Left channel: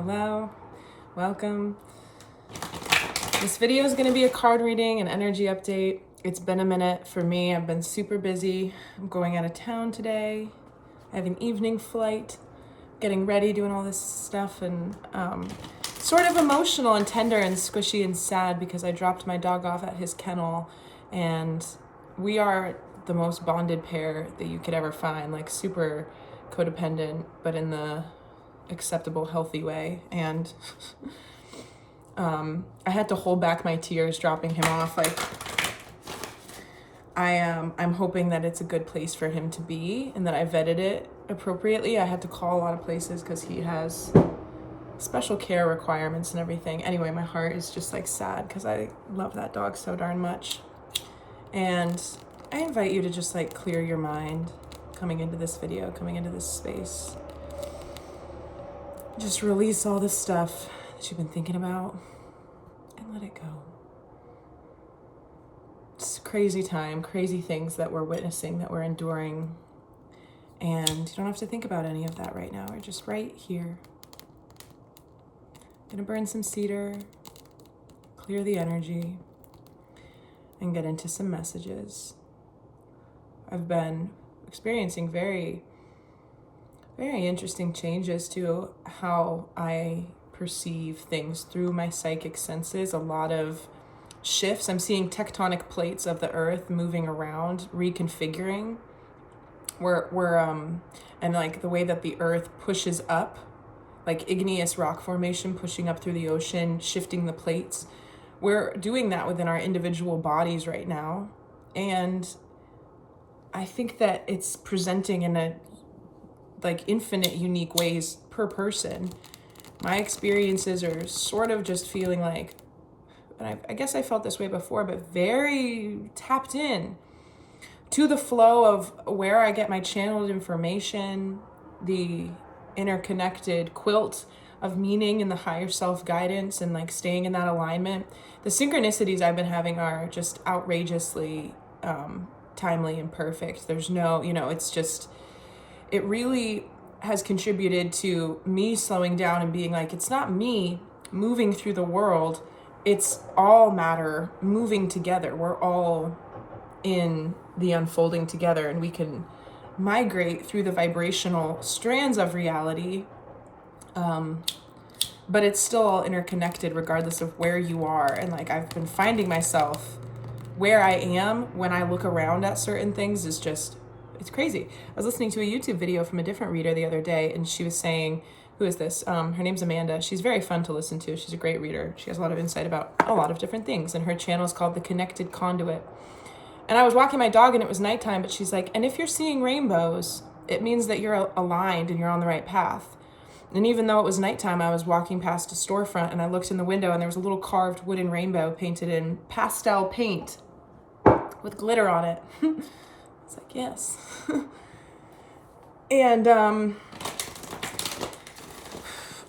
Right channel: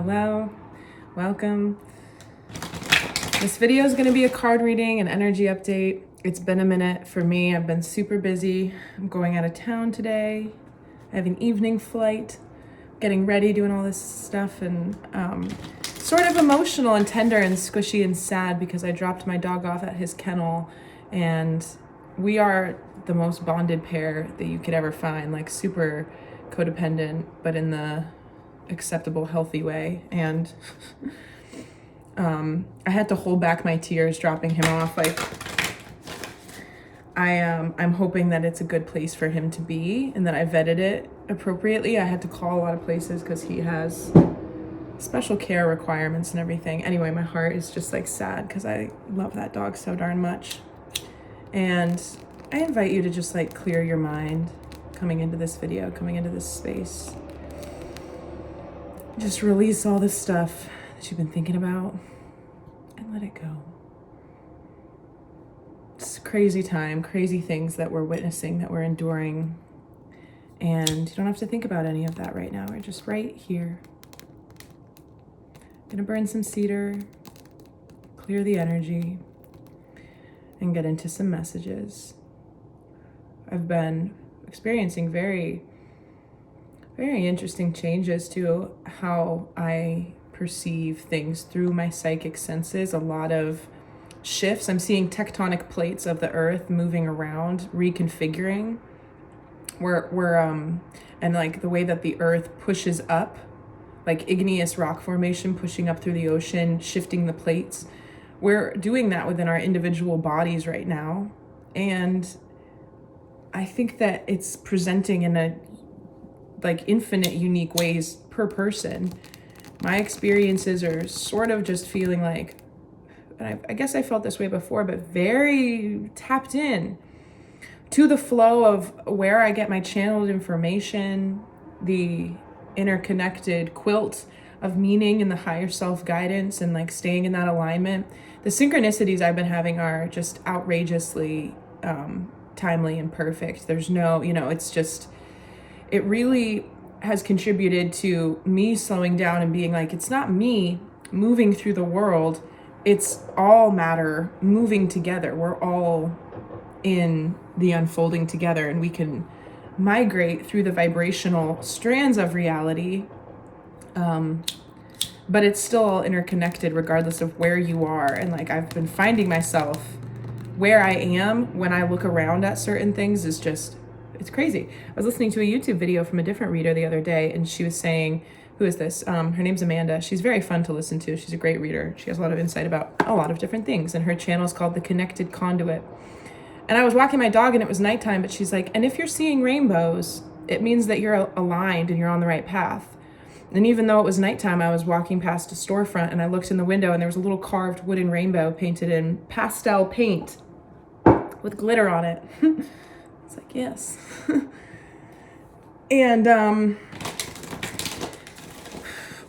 Hello, welcome. This video is going to be a card reading and energy update. It's been a minute for me. I've been super busy. I'm going out of town today. I have an evening flight, getting ready, doing all this stuff, and sort of emotional and tender and squishy and sad because I dropped my dog off at his kennel, and we are the most bonded pair that you could ever find, like super codependent, but in the acceptable, healthy way. And I had to hold back my tears dropping him off. Like, I'm hoping that it's a good place for him to be and that I vetted it appropriately. I had to call a lot of places because he has special care requirements and everything. Anyway, my heart is just like sad because I love that dog so darn much. And I invite you to just like clear your mind coming into this video, coming into this space. Just release all the stuff that you've been thinking about and let it go. It's a crazy time, crazy things that we're witnessing, that we're enduring. And you don't have to think about any of that right now. We're just right here. Gonna burn some cedar, clear the energy, and get into some messages. I've been experiencing very interesting changes to how I perceive things through my psychic senses. A lot of shifts. I'm seeing tectonic plates of the earth moving around, reconfiguring. And like the way that the earth pushes up, like igneous rock formation pushing up through the ocean, shifting the plates. We're doing that within our individual bodies right now. And I think that it's presenting in a like infinite unique ways per person. My experiences are sort of just feeling like, and I guess I felt this way before, but very tapped in to the flow of where I get my channeled information, the interconnected quilt of meaning and the higher self guidance, and like staying in that alignment. The synchronicities I've been having are just outrageously timely and perfect. There's no, it's just, it really has contributed to me slowing down and being like, it's not me moving through the world, it's all matter moving together. We're all in the unfolding together, and we can migrate through the vibrational strands of reality, but it's still all interconnected regardless of where you are. And like, I've been finding myself where I am when I look around at certain things is just, it's crazy. I was listening to a YouTube video from a different reader the other day, and she was saying, who is this? Her name's Amanda. She's very fun to listen to. She's a great reader. She has a lot of insight about a lot of different things, and her channel is called The Connected Conduit. And I was walking my dog and it was nighttime, but she's like, and if you're seeing rainbows, it means that you're aligned and you're on the right path. And even though it was nighttime, I was walking past a storefront and I looked in the window and there was a little carved wooden rainbow painted in pastel paint with glitter on it. It's like, yes. And I'm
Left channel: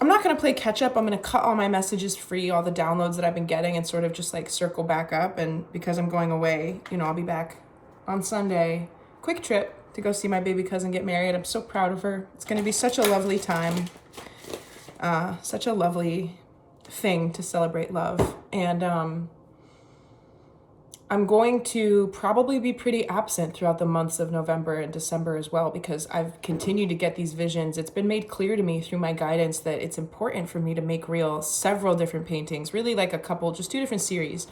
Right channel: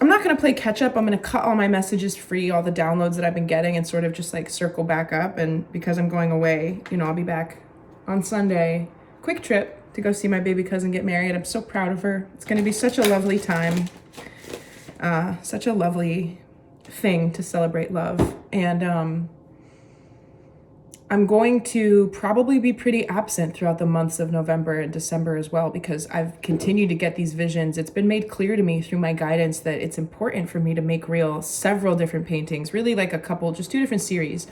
not going to play catch up. I'm going to cut all my messages free, all the downloads that I've been getting, and sort of just like circle back up. And because I'm going away, I'll be back on Sunday. Quick trip to go see my baby cousin get married. I'm so proud of her. It's going to be such a lovely time. Such a lovely thing to celebrate love. And I'm going to probably be pretty absent throughout the months of November and December as well, because I've continued to get these visions. It's been made clear to me through my guidance that it's important for me to make real several different paintings, really like a couple, just 2 different series.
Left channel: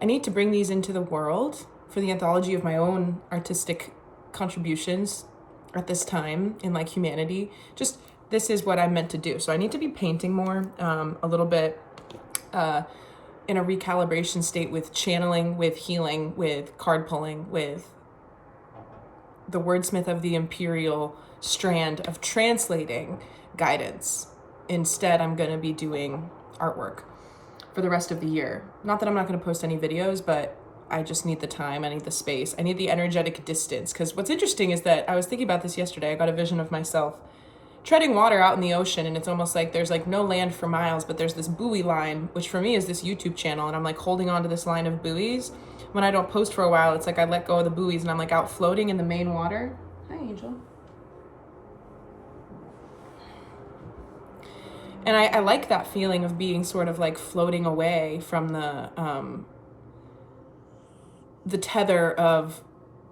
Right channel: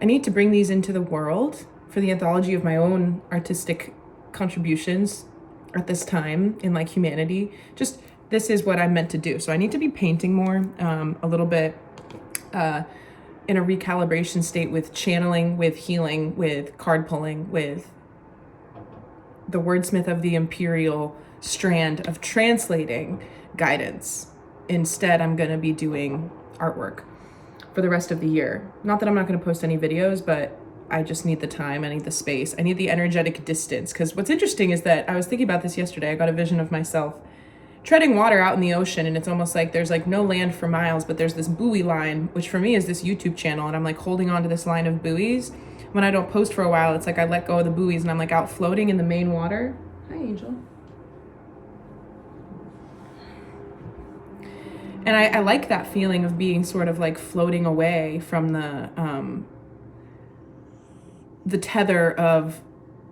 I need to bring these into the world for the anthology of my own artistic contributions at this time in like humanity. Just, this is what I'm meant to do. So I need to be painting more, a little bit, in a recalibration state with channeling, with healing, with card pulling, with the wordsmith of the imperial strand of translating guidance. Instead, I'm going to be doing artwork for the rest of the year. Not that I'm not going to post any videos, but I just need the time. I need the space. I need the energetic distance. Because what's interesting is that I was thinking about this yesterday. I got a vision of myself treading water out in the ocean, and it's almost like there's like no land for miles, but there's this buoy line, which for me is this YouTube channel, and I'm like holding on to this line of buoys. When I don't post for a while, it's like I let go of the buoys and I'm like out floating in the main water. Hi, Angel. And I like that feeling of being sort of like floating away from the tether of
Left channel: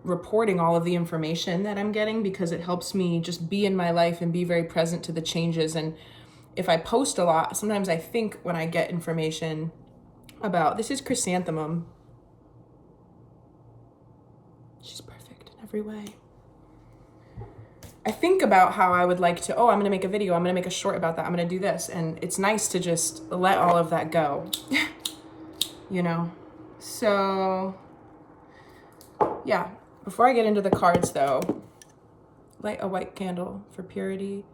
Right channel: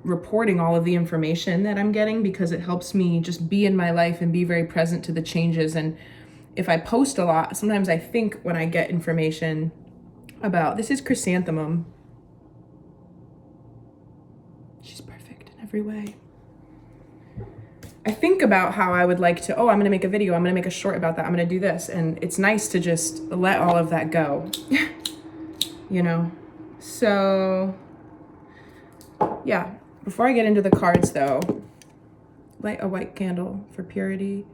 reporting all of the information that I'm getting, because it helps me just be in my life and be very present to the changes. And if I post a lot, sometimes I think when I get information about, this is chrysanthemum. She's perfect in every way. I think about how I would like to, I'm going to make a video, I'm going to make a short about that, I'm going to do this. And it's nice to just let all of that go, you know? So, yeah. Before I get into the cards though, light a white candle for purity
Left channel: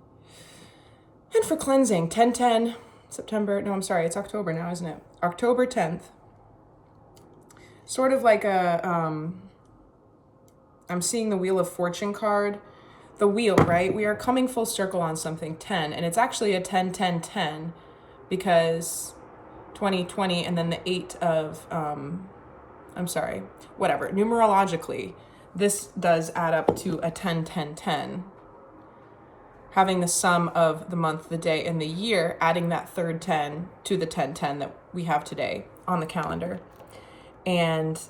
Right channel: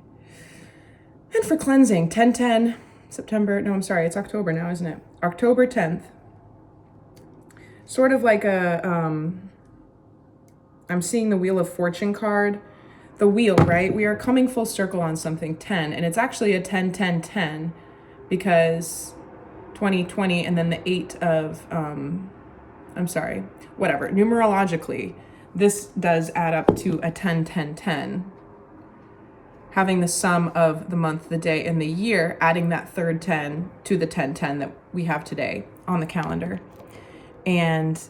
and for cleansing. 10/10, September, no, I'm sorry, it's October now, isn't it? October 10th. Sort of like a, I'm seeing the Wheel of Fortune card. The wheel, right? We are coming full circle on something, 10, and it's actually a 10-10-10 because 2020 and then the 8 of, whatever, numerologically, this does add up to a 10-10-10. Having the sum of the month, the day, and the year, adding that third 10 to the 10-10 that we have today on the calendar. And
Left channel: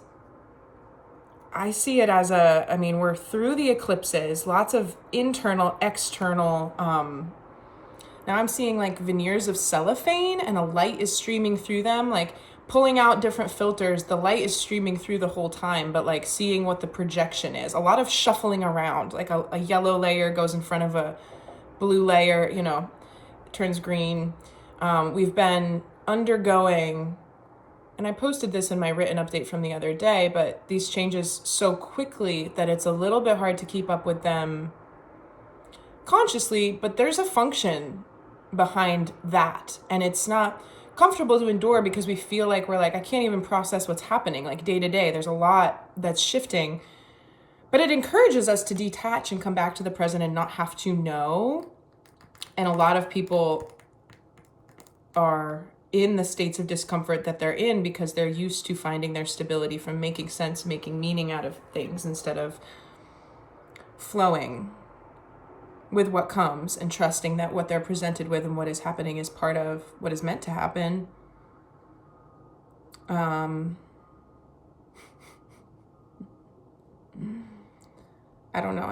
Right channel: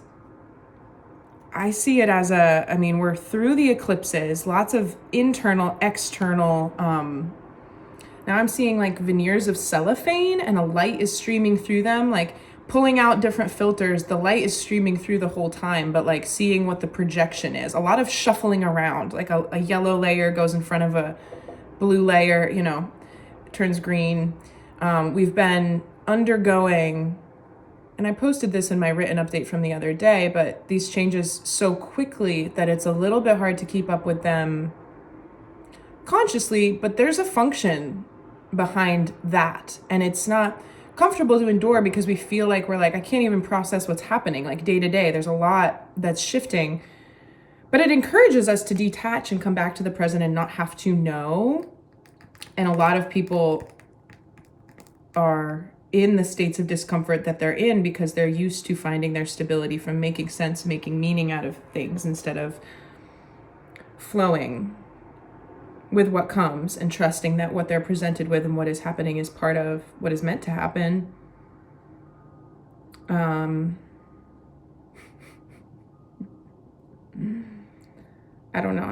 I see it as we're through the eclipses, lots of internal, external, now I'm seeing like veneers of cellophane and a light is streaming through them, like pulling out different filters. The light is streaming through the whole time, but like seeing what the projection is. A lot of shuffling around, like a yellow layer goes in front of a blue layer, it turns green. We've been undergoing, and I posted this in my written update from the other day, but these changes so quickly that it's a little bit hard to keep up with them consciously, but there's a function behind that. And it's not comfortable to endure because we feel like I can't even process what's happening. Like day to day, there's a lot that's shifting, but it encourages us to detach and come back to the present and not have to know. And a lot of people are in the states of discomfort that they're in because they're used to finding their stability from making sense, making meaning out of things instead of flowing with what comes and trusting that what they're presented with and what is happening is part of what is meant to happen. I don't know.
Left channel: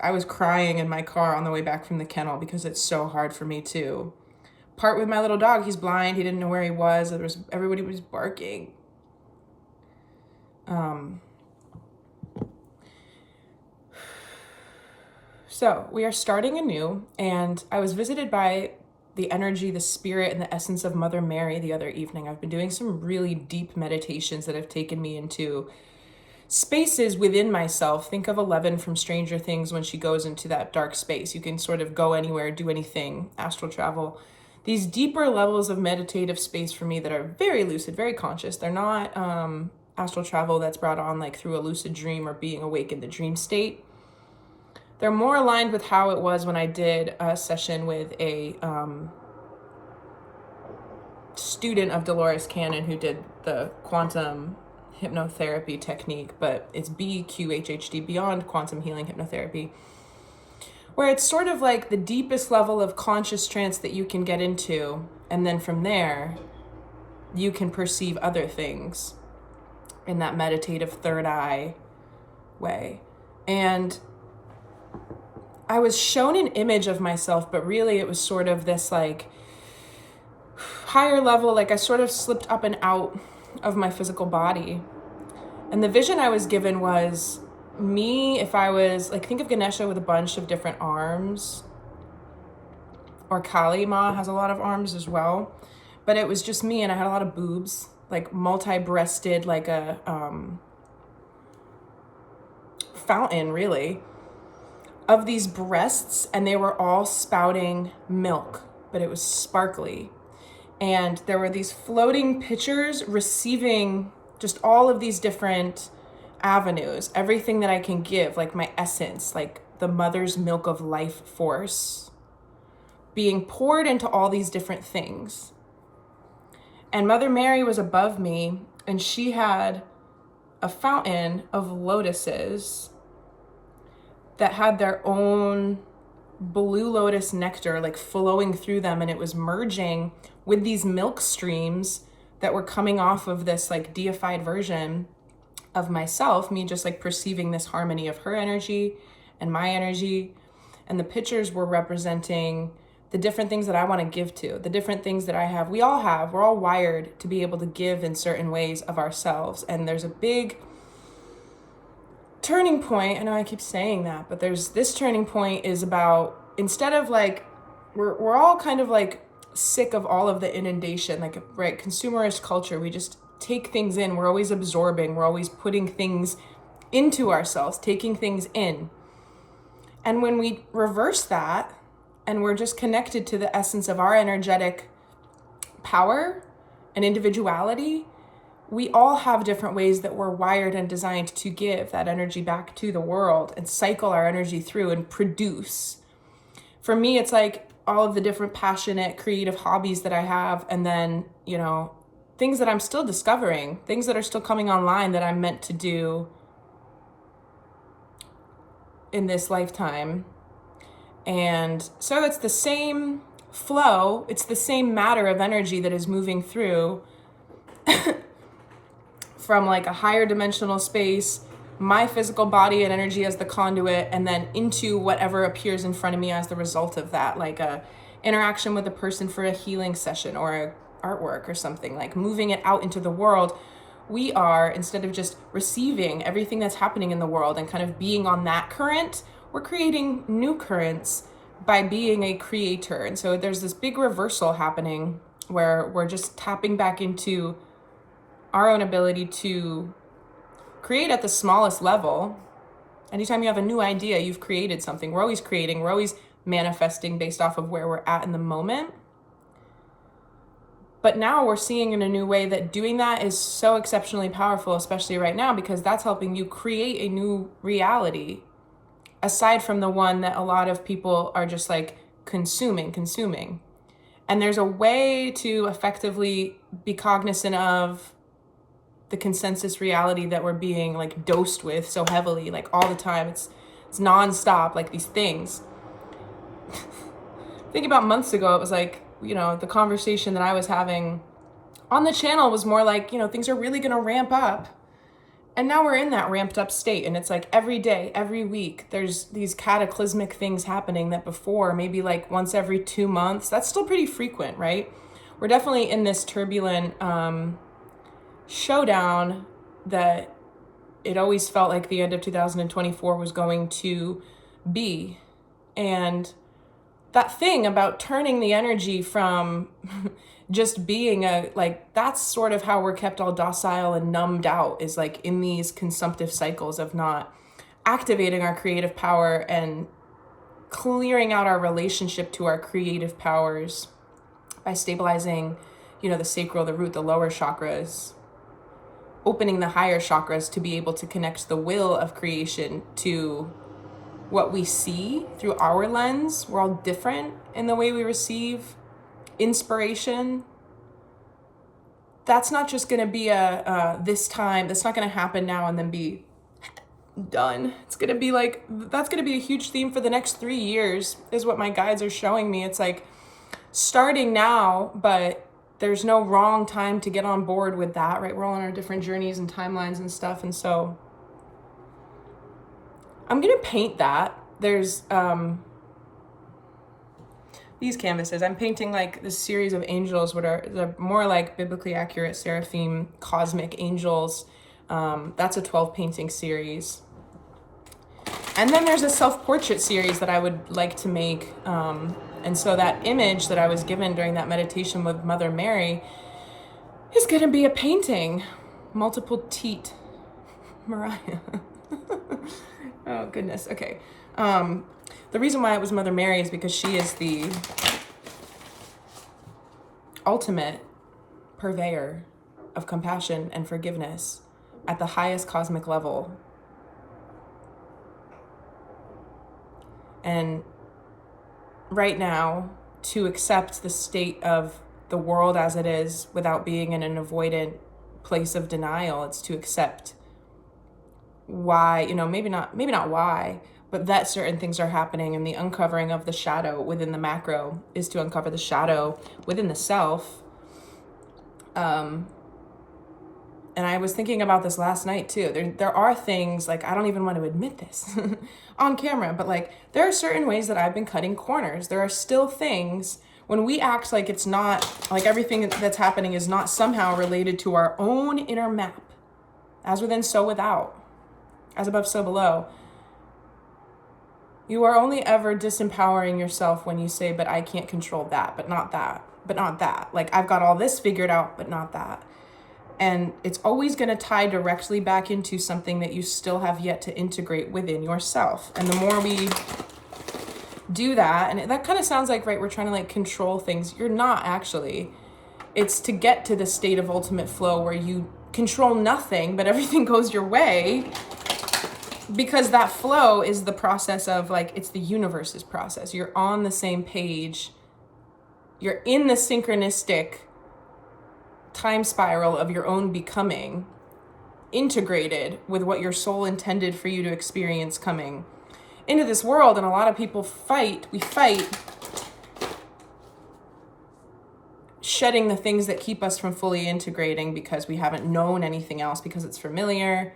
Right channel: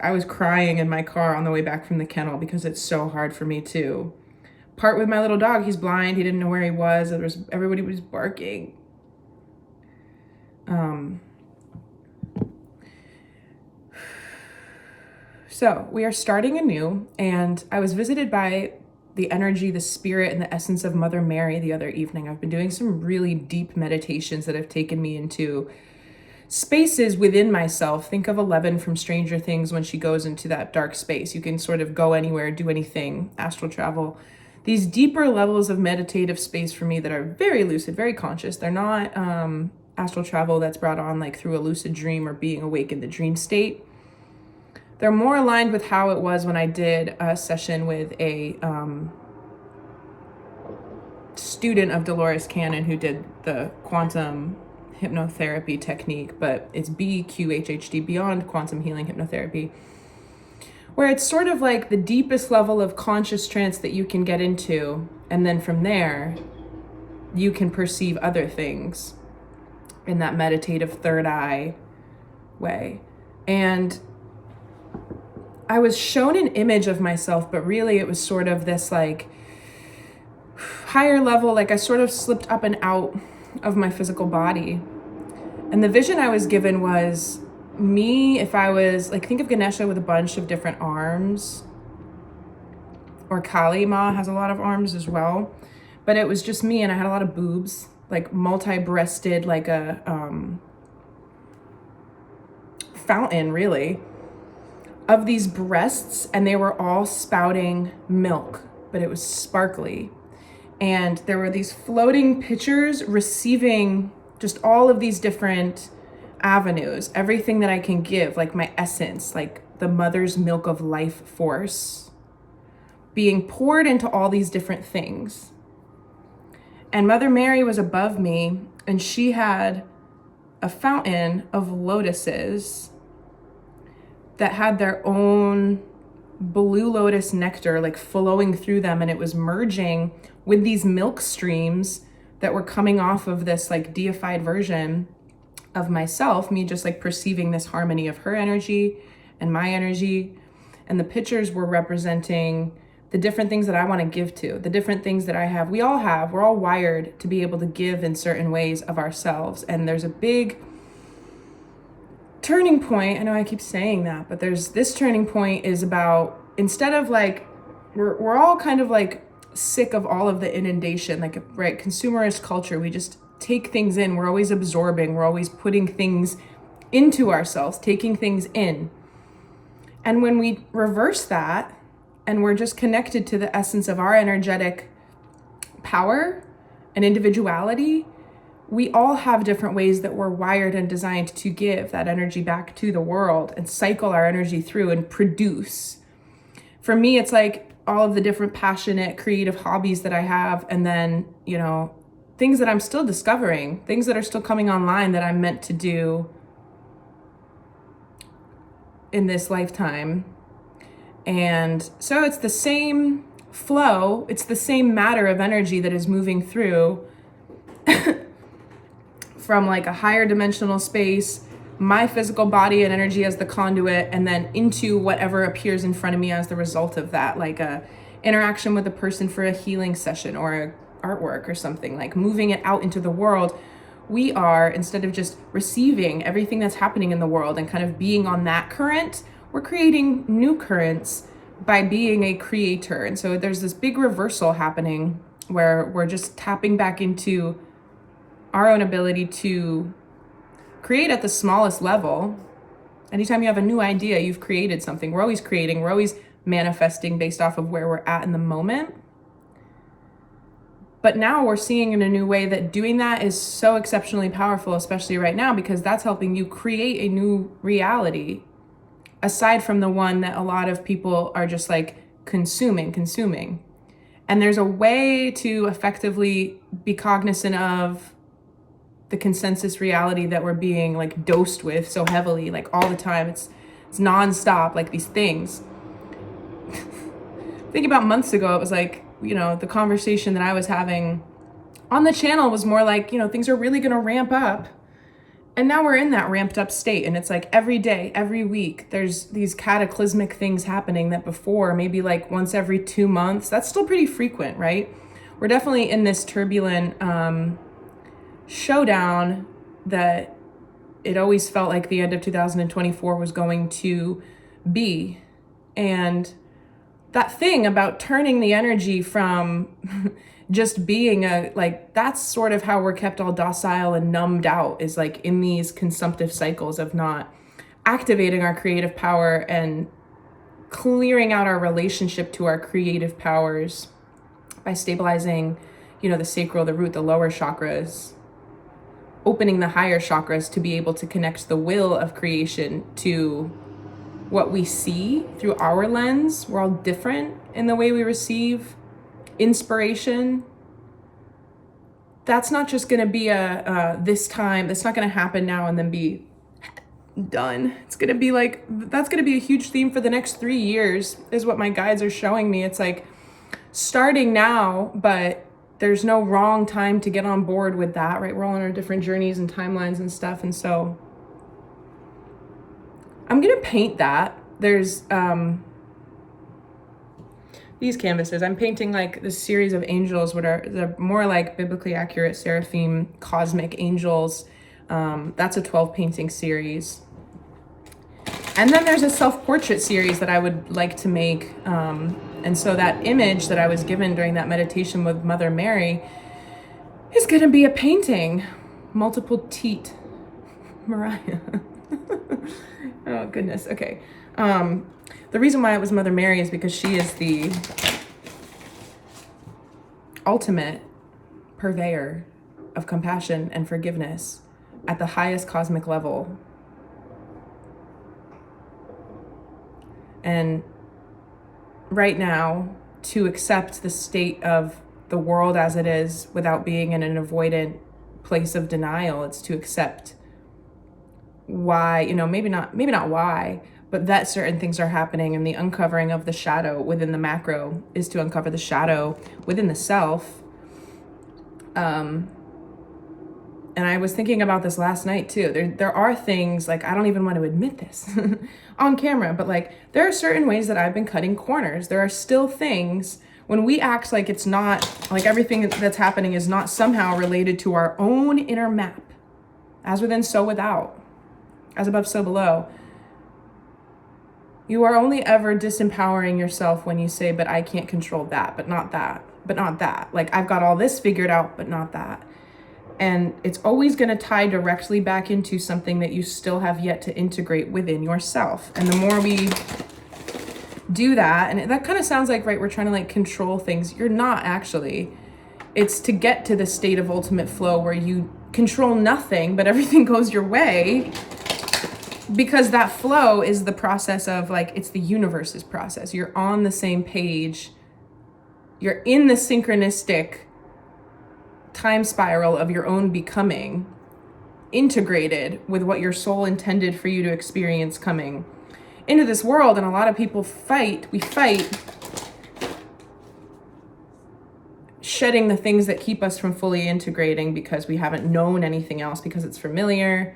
I was crying in my car on the way back from the kennel because it's so hard for me to part with my little dog. He's blind. He didn't know where he was. Everybody was barking. So we are starting anew, and I was visited by the energy, the spirit, and the essence of Mother Mary the other evening. I've been doing some really deep meditations that have taken me into spaces within myself. Think of Eleven from Stranger Things when she goes into that dark space. You can sort of go anywhere, do anything, astral travel. These deeper levels of meditative space for me that are very lucid, very conscious. They're not astral travel that's brought on like through a lucid dream or being awake in the dream state. They're more aligned with how it was when I did a session with a student of Dolores Cannon who did the quantum hypnotherapy technique, but it's BQHHD, Beyond Quantum Healing Hypnotherapy, where it's sort of like the deepest level of conscious trance that you can get into. And then from there, you can perceive other things in that meditative third eye way. And I was shown an image of myself, but really it was sort of this like higher level, like I sort of slipped up and out of my physical body. And the vision I was given was me, if I was like, think of Ganesha with a bunch of different arms, or Kali Ma has a lot of arms as well, but it was just me, and I had a lot of boobs, like multi-breasted, like a fountain really of these breasts, and they were all spouting milk, but it was sparkly. And there were these floating pitchers receiving just all of these different avenues, everything that I can give, like my essence, like the mother's milk of life force being poured into all these different things. And Mother Mary was above me, and she had a fountain of lotuses that had their own blue lotus nectar like flowing through them, and it was merging with these milk streams that were coming off of this like deified version of myself, me just like perceiving this harmony of her energy and my energy. And the pictures were representing the different things that I want to give to, the different things that I have. We're all wired to be able to give in certain ways of ourselves. And there's a big turning point. I know I keep saying that, but there's this turning point is about, instead of like, we're all kind of like sick of all of the inundation, like, right, consumerist culture. We just take things in. We're always absorbing. We're always putting things into ourselves, taking things in. And when we reverse that and we're just connected to the essence of our energetic power and individuality, we all have different ways that we're wired and designed to give that energy back to the world and cycle our energy through and produce. For me, it's like all of the different passionate, creative hobbies that I have, and then, you know, things that I'm still discovering, things that are still coming online that I'm meant to do in this lifetime. And so it's the same flow, it's the same matter of energy that is moving through from like a higher dimensional space, my physical body and energy as the conduit, and then into whatever appears in front of me as the result of that, like a interaction with a person for a healing session or a artwork or something, like moving it out into the world. We are, instead of just receiving everything that's happening in the world and kind of being on that current, we're creating new currents by being a creator. And so there's this big reversal happening where we're just tapping back into our own ability to create at the smallest level. Anytime you have a new idea, you've created something. We're always creating, we're always manifesting based off of where we're at in the moment. But now we're seeing in a new way that doing that is so exceptionally powerful, especially right now, because that's helping you create a new reality, aside from the one that a lot of people are just like consuming. And there's a way to effectively be cognizant of the consensus reality that we're being like dosed with so heavily, like all the time. It's nonstop, like these things. Think about months ago, it was like, you know, the conversation that I was having on the channel was more like, you know, things are really going to ramp up. And now we're in that ramped up state. And it's like every day, every week, there's these cataclysmic things happening that before, maybe like once every 2 months, that's still pretty frequent, right? We're definitely in this turbulent showdown that it always felt like the end of 2024 was going to be. And that thing about turning the energy from just being that's sort of how we're kept all docile and numbed out, is like in these consumptive cycles of not activating our creative power and clearing out our relationship to our creative powers by stabilizing, you know, the sacral, the root, the lower chakras, opening the higher chakras to be able to connect the will of creation to what we see through our lens. We're all different in the way we receive inspiration. That's not just going to be this time. That's not going to happen now and then be done. It's going to be like, that's going to be a huge theme for the next 3 years, is what my guides are showing me. It's like starting now, but there's no wrong time to get on board with that, right? We're all on our different journeys and timelines and stuff. And so I'm going to paint that. There's these canvases. I'm painting like this series of angels, what are the more like biblically accurate seraphim cosmic angels. That's a 12 painting series. And then there's a self-portrait series that I would like to make. And so that image that I was given during that meditation with Mother Mary is going to be a painting. Multiple teat. Mariah. Oh, goodness. Okay. The reason why it was Mother Mary is because she is the ultimate purveyor of compassion and forgiveness at the highest cosmic level. And right now, to accept the state of the world as it is without being in an avoidant place of denial, it's to accept why, you know, maybe not why, but that certain things are happening, and the uncovering of the shadow within the macro is to uncover the shadow within the self. And I was thinking about this last night too. There are things, like, I don't even want to admit this on camera, but like, there are certain ways that I've been cutting corners. There are still things when we act like it's not, like everything that's happening is not somehow related to our own inner map. As within, so without. As above, so below. You are only ever disempowering yourself when you say, but I can't control that, but not that, but not that. Like, I've got all this figured out, but not that. And it's always going to tie directly back into something that you still have yet to integrate within yourself. And the more we do that, and that kind of sounds like, right, we're trying to like control things. You're not actually. It's to get to the state of ultimate flow where you control nothing, but everything goes your way. Because that flow is the process of, like, it's the universe's process. You're on the same page. You're in the synchronistic time spiral of your own becoming, integrated with what your soul intended for you to experience coming into this world. And a lot of people we fight shedding the things that keep us from fully integrating because we haven't known anything else, because it's familiar,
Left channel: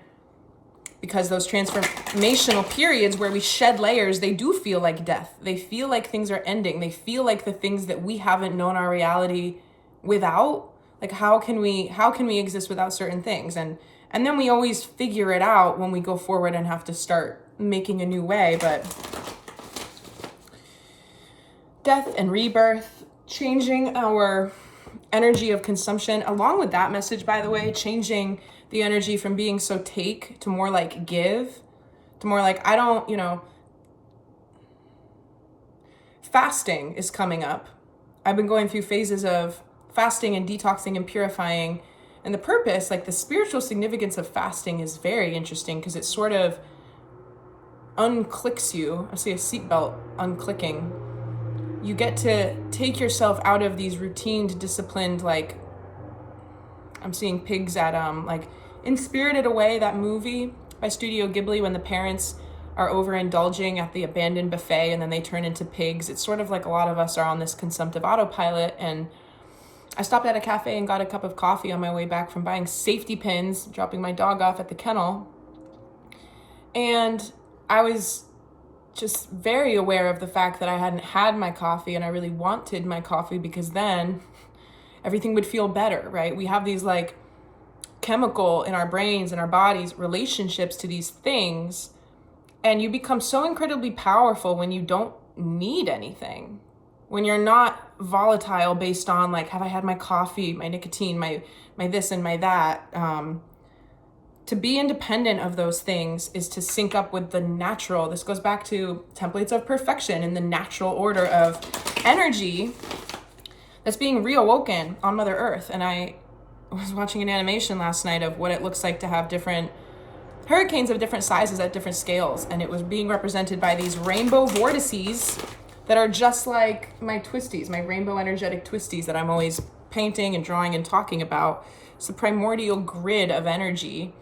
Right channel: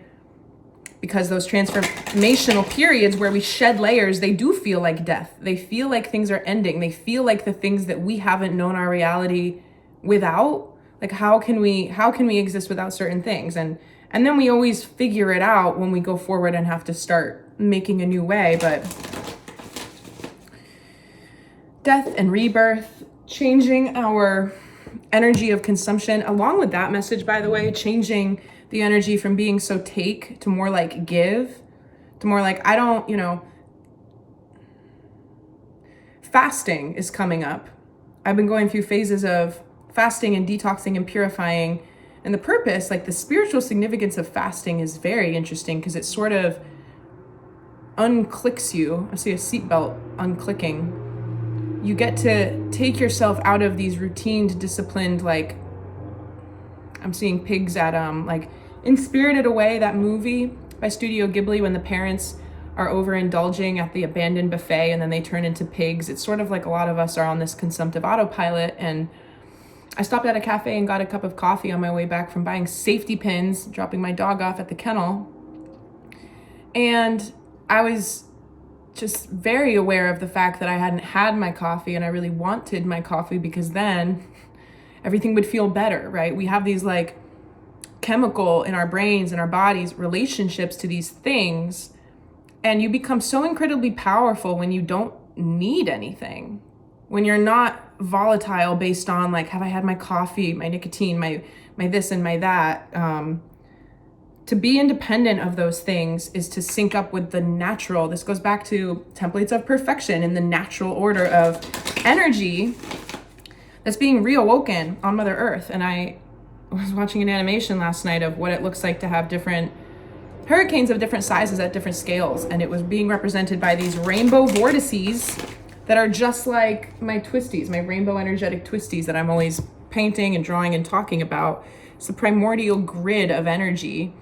because those transformational periods where we shed layers, they do feel like death. They feel like things are ending. They feel like the things that we haven't known our reality without. Like, how can we exist without certain things? And then we always figure it out when we go forward and have to start making a new way. But death and rebirth, changing our energy of consumption, along with that message, by the way, changing the energy from being so take to more like give, to more like, I don't, fasting is coming up. I've been going through phases of fasting and detoxing and purifying. And the purpose, like the spiritual significance of fasting, is very interesting because it sort of unclicks you. I see a seatbelt unclicking. You get to take yourself out of these routined, disciplined, like, I'm seeing pigs at, like, in Spirited Away, that movie by Studio Ghibli, when the parents are overindulging at the abandoned buffet and then they turn into pigs. It's sort of like a lot of us are on this consumptive autopilot. And I stopped at a cafe and got a cup of coffee on my way back from buying safety pins, dropping my dog off at the kennel. And I was just very aware of the fact that I hadn't had my coffee, and I really wanted my coffee because then everything would feel better, right? We have these like chemical in our brains and our bodies, relationships to these things. And you become so incredibly powerful when you don't need anything. When you're not volatile based on like, have I had my coffee, my nicotine, my this and my that. To be independent of those things is to sync up with the natural. This goes back to templates of perfection in the natural order of energy that's being reawoken on Mother Earth. And I was watching an animation last night of what it looks like to have different hurricanes of different sizes at different scales. And it was being represented by these rainbow vortices that are just like my twisties, my rainbow energetic twisties that I'm always painting and drawing and talking about. It's the primordial grid of energy.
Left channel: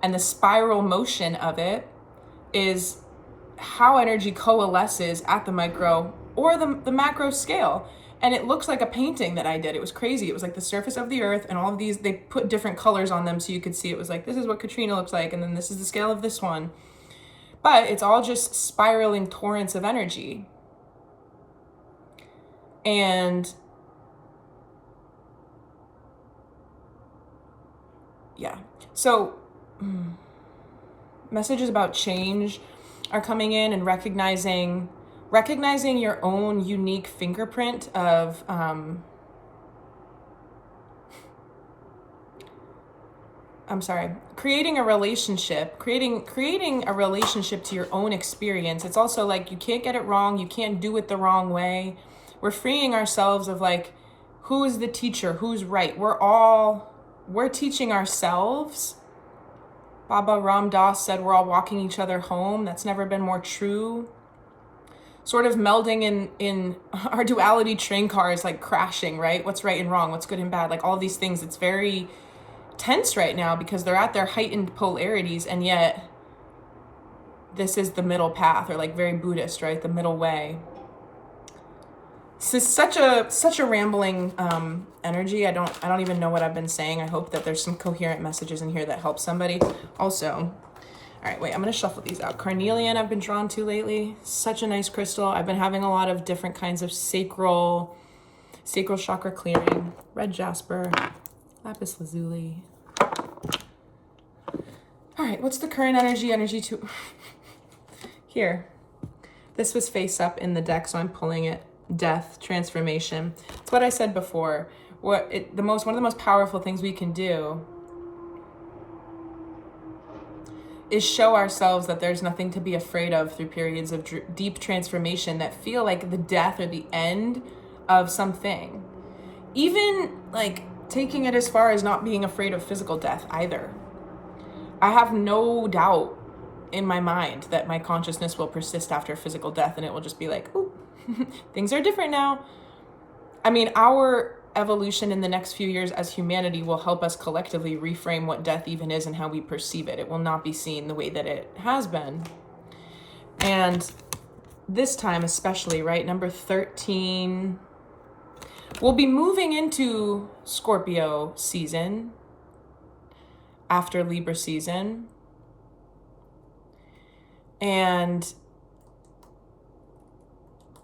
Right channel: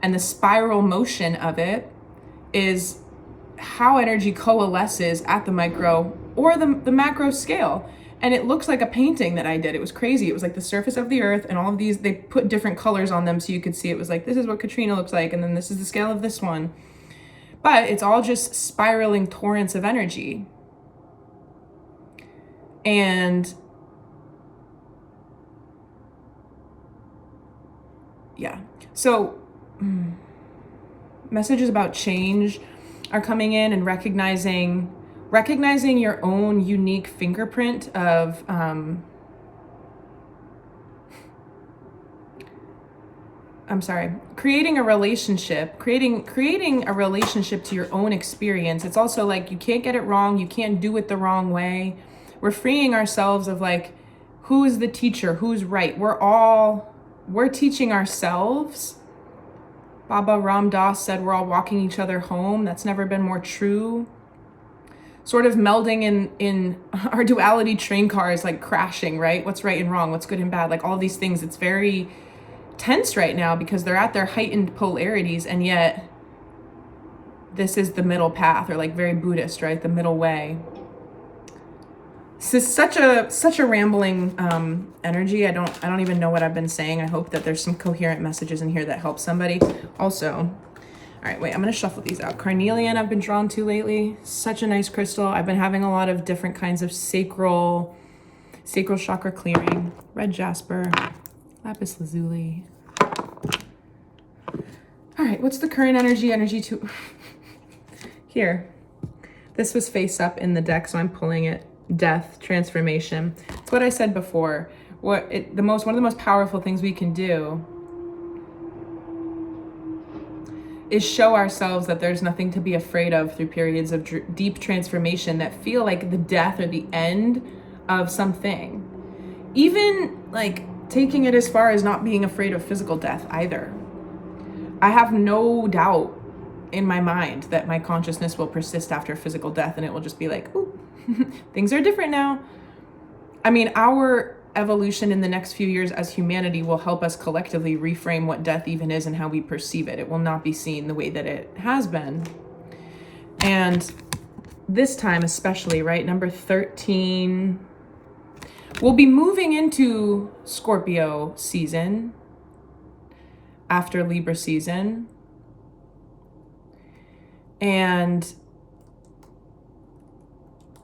And the spiral motion of it is how energy coalesces at the micro or the macro scale. And it looks like a painting that I did. It was crazy. It was like the surface of the earth and all of these, they put different colors on them so you could see. It was like, this is what Katrina looks like. And then this is the scale of this one. But it's all just spiraling torrents of energy. And yeah, so messages about change are coming in, and recognizing your own unique fingerprint of creating a relationship to your own experience. It's also like, you can't get it wrong, you can't do it the wrong way. We're freeing ourselves of like, who is the teacher, who's right? We're teaching ourselves. Baba Ram Dass said we're all walking each other home. That's never been more true. Sort of melding in our duality train cars, like crashing, right? What's right and wrong, what's good and bad, like all these things. It's very tense right now because they're at their heightened polarities, and yet this is the middle path, or like very Buddhist, right? The middle way. This is such a rambling energy. I don't even know what I've been saying. I hope that there's some coherent messages in here that help somebody. Also, all right, wait, I'm gonna shuffle these out. Carnelian I've been drawn to lately. Such a nice crystal. I've been having a lot of different kinds of sacral chakra clearing. Red jasper, lapis lazuli. All right, what's the current energy to here? This was face up in the deck, so I'm pulling it. Death, transformation. It's what I said before. One of the most powerful things we can do is show ourselves that there's nothing to be afraid of through periods of deep transformation that feel like the death or the end of something. Even like taking it as far as not being afraid of physical death either. I have no doubt in my mind that my consciousness will persist after physical death, and it will just be like, ooh, things are different now. I mean, our evolution in the next few years as humanity will help us collectively reframe what death even is and how we perceive it. It will not be seen the way that it has been. And this time especially, right, number 13, we'll be moving into Scorpio season after Libra season. And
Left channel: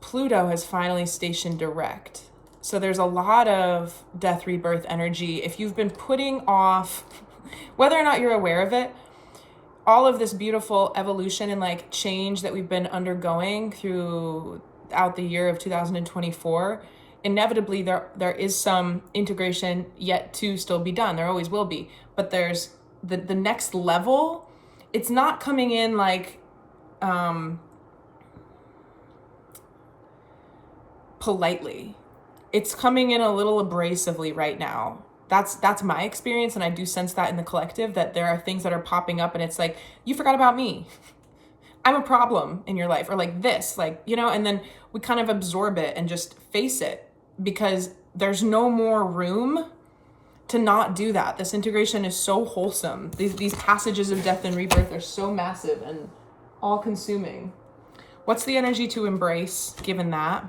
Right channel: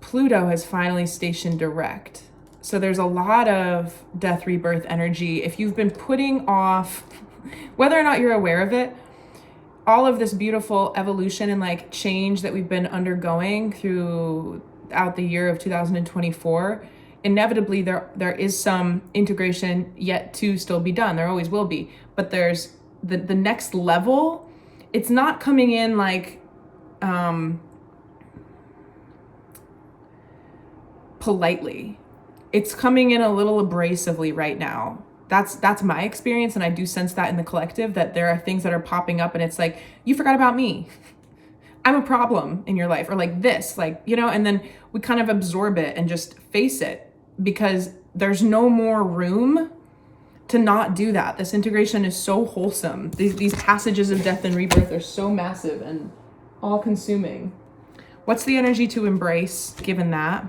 Pluto has finally stationed direct. So there's a lot of death, rebirth energy. If you've been putting off, whether or not you're aware of it, all of this beautiful evolution and like change that we've been undergoing throughout the year of 2024, inevitably there is some integration yet to still be done. There always will be. But there's the next level. It's not coming in like politely. It's coming in a little abrasively right now. That's my experience, and I do sense that in the collective, that there are things that are popping up and it's like, you forgot about me. I'm a problem in your life, or like this, like, you know, and then we kind of absorb it and just face it because there's no more room to not do that. This integration is so wholesome. These passages of death and rebirth are so massive and all consuming. What's the energy to embrace given that?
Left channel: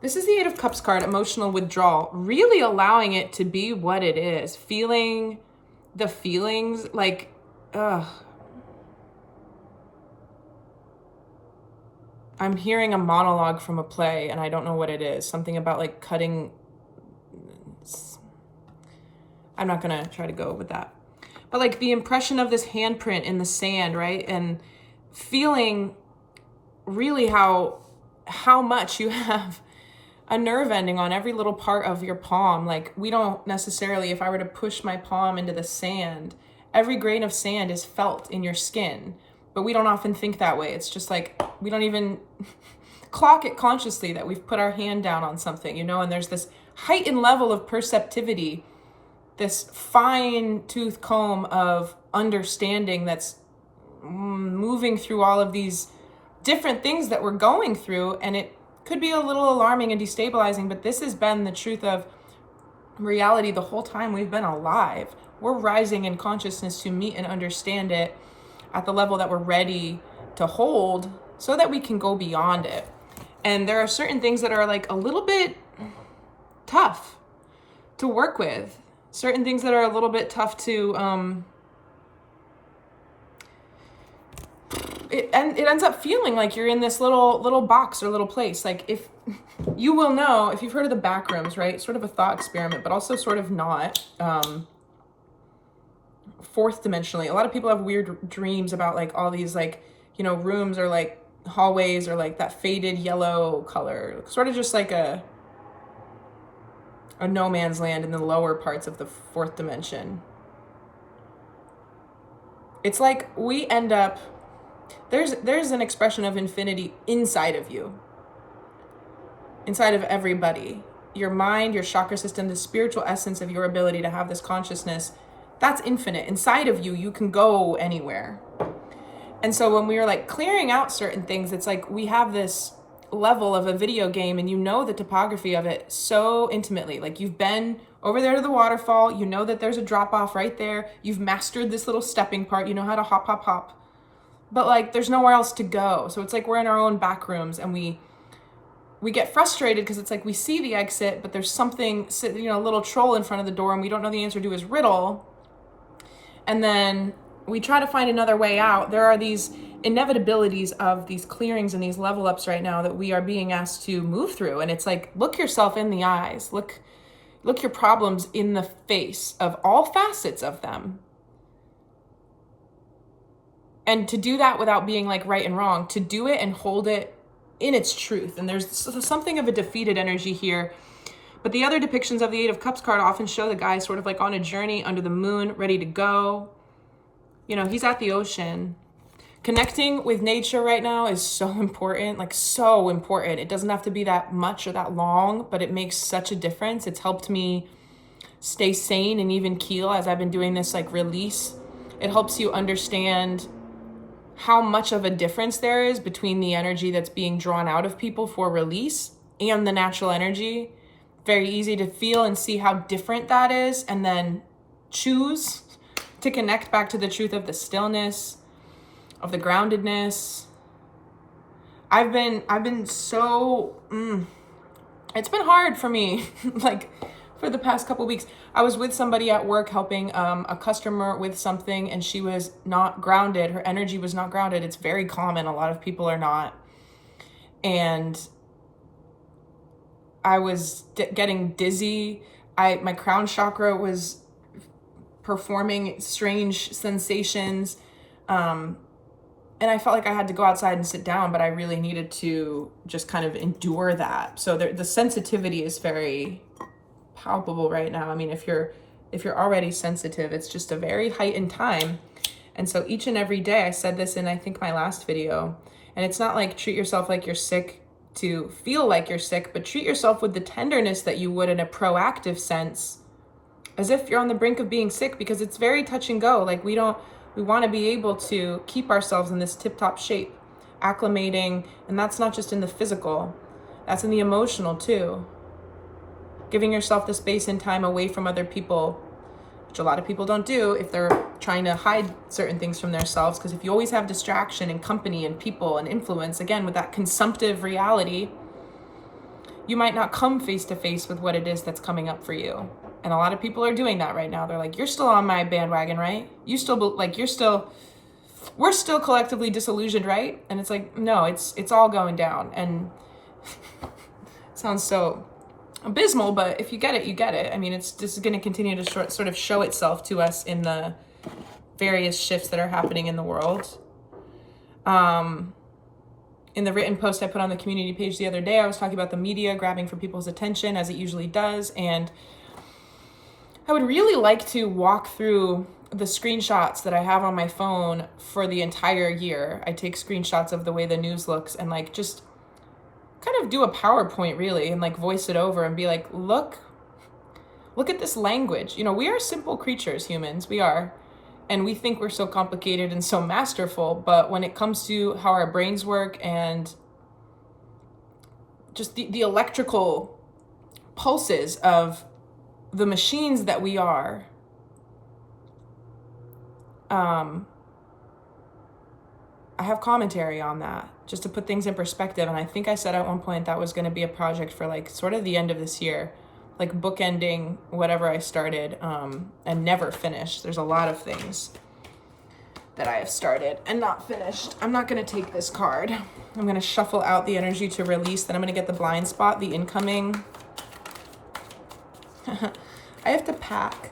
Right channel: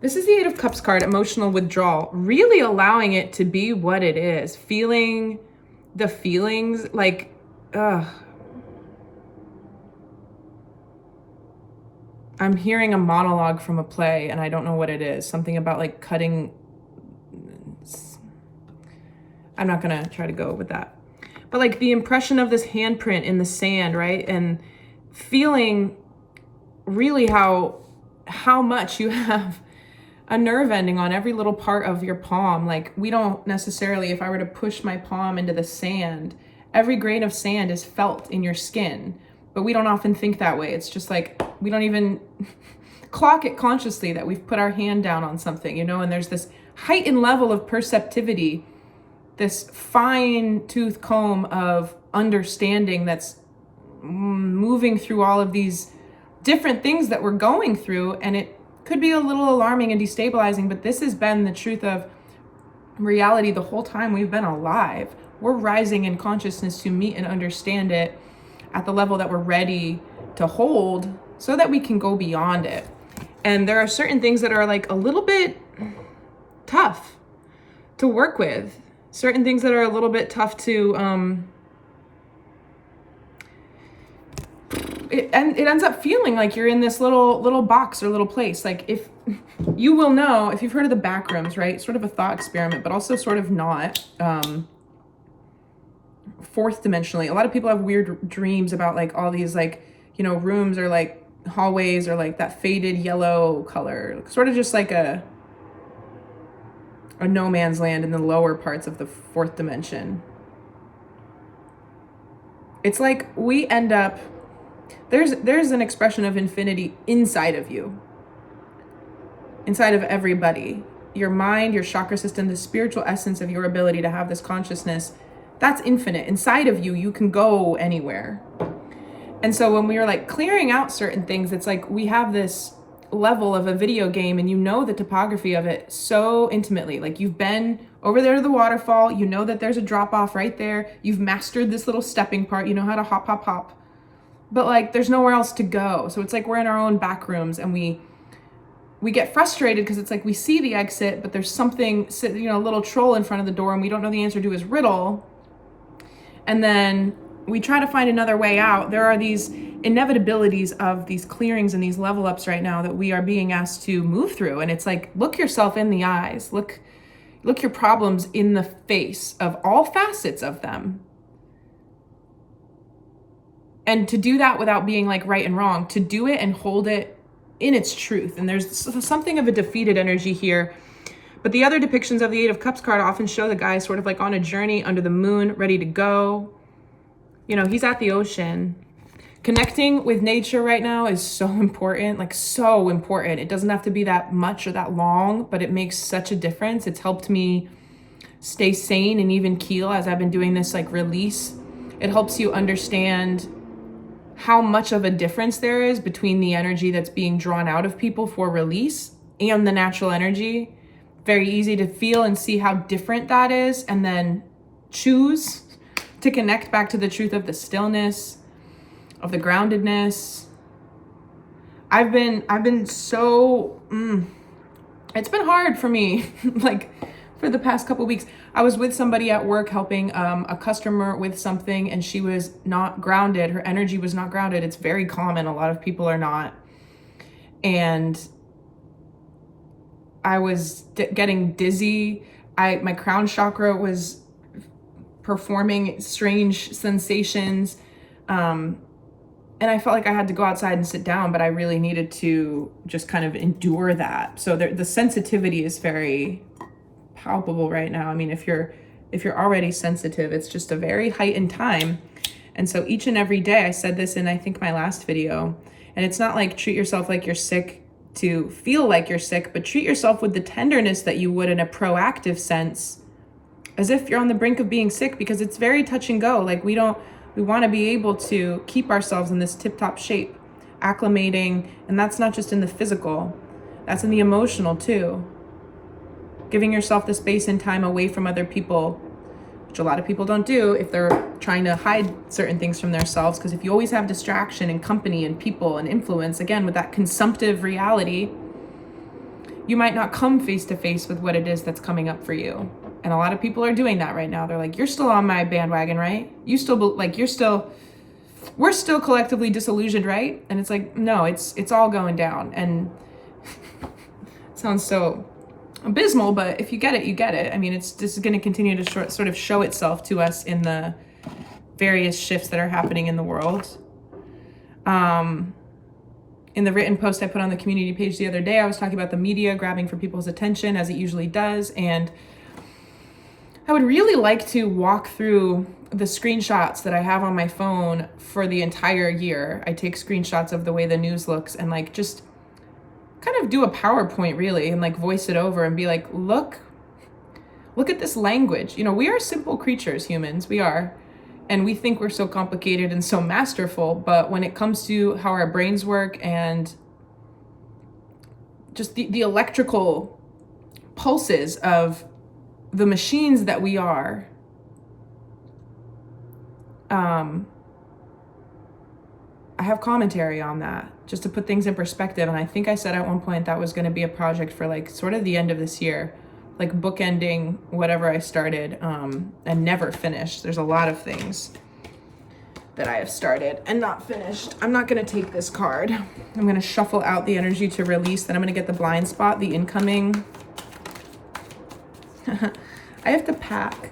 This is the Eight of Cups card, emotional withdrawal, really allowing it to be what it is, feeling the feelings like, I'm hearing a monologue from a play and I don't know what it is. Something about like cutting. I'm not gonna try to go with that. But like the impression of this handprint in the sand, right? And feeling really how much you have a nerve ending on every little part of your palm. Like we don't necessarily, if I were to push my palm into the sand, every grain of sand is felt in your skin, but we don't often think that way. It's just like, we don't even clock it consciously that we've put our hand down on something, you know, and there's this heightened level of perceptivity, this fine tooth comb of understanding that's moving through all of these different things that we're going through. And it could be a little alarming and destabilizing, but this has been the truth of reality the whole time we've been alive. We're rising in consciousness to meet and understand it at the level that we're ready to hold so that we can go beyond it. And there are certain things that are like a little bit tough to work with. Certain things that are a little bit tough to, it ends up feeling like you're in this little box or little place. Like if you will know, if you've heard of the back rooms, right? Sort of a thought experiment, but also sort of not, fourth dimensionally. A lot of people have weird dreams about like all these like, you know, rooms or like hallways or like that faded yellow color, sort of just like a no man's land in the lower parts of the fourth dimension. It's like we end up, there's an expression of infinity inside of you, inside of everybody. Your mind, your chakra system, the spiritual essence of your ability to have this consciousness, that's infinite. Inside of you, you can go anywhere. And so when we were like clearing out certain things, it's like we have this level of a video game and you know the topography of it so intimately. Like you've been over there to the waterfall, you know that there's a drop off right there. You've mastered this little stepping part. You know how to hop, hop, hop. but like there's nowhere else to go. So it's like we're in our own back rooms, and we get frustrated because it's like we see the exit, but there's something, a little troll in front of the door, and we don't know the answer to his riddle. And then we try to find another way out. There are these inevitabilities of these clearings and these level ups right now that we are being asked to move through. And it's like, look yourself in the eyes, look your problems in the face of all facets of them. And to do that without being like right and wrong, to do it and hold it in its truth. And there's something of a defeated energy here. But the other depictions of the Eight of Cups card often show the guy sort of like on a journey under the moon, ready to go. He's at the ocean. Connecting with nature right now is so important, like so important. It doesn't have to be that much or that long, but it makes such a difference. It's helped me stay sane and even keel as I've been doing this like release. It helps you understand how much of a difference there is between the energy that's being drawn out of people for release and the natural energy. Very easy to feel and see how different that is, and then choose to connect back to the truth of the stillness, of the groundedness. I've been so, it's been hard for me, like for the past couple weeks. I was with somebody at work helping a customer with something, and she was not grounded. Her energy was not grounded. It's very common. A lot of people are not. And I was getting dizzy. My crown chakra was performing strange sensations. And I felt like I had to go outside and sit down, but I really needed to just kind of endure that. So the sensitivity is very palpable right now. I mean, if you're already sensitive, it's just a very heightened time. And so each and every day, I said this in, I think, my last video, and it's not like treat yourself like you're sick to feel like you're sick, but treat yourself with the tenderness that you would in a proactive sense, as if you're on the brink of being sick, because it's very touch and go. Like we want to be able to keep ourselves in this tip-top shape, acclimating, and that's not just in the physical, that's in the emotional too. Giving yourself the space and time away from other people, which a lot of people don't do if they're trying to hide certain things from themselves. Because if you always have distraction and company and people and influence, again, with that consumptive reality, you might not come face to face with what it is that's coming up for you. And a lot of people are doing that right now. They're like, you're still on my bandwagon, right? We're still collectively disillusioned, right? And it's like, no, it's all going down. And it sounds so abysmal, but if you get it, you get it. I mean, this is going to continue to sort of show itself to us in the various shifts that are happening in the world. In the written post I put on the community page the other day, I was talking about the media grabbing for people's attention, as it usually does. And I would really like to walk through the screenshots that I have on my phone for the entire year. I take screenshots of the way the news looks and like just kind of do a PowerPoint really and like voice it over and be like, look at this language. We are simple creatures, humans, we are. And we think we're so complicated and so masterful, but when it comes to how our brains work and just the electrical pulses of the machines that we are, I have commentary on that just to put things in perspective. And I think I said at one point that was going to be a project for like sort of the end of this year, like bookending whatever I started and never finished. There's a lot of things that I have started and not finished. I'm not going to take this card. I'm going to shuffle out the energy to release. Then I'm going to get the blind spot, the incoming. I have to pack.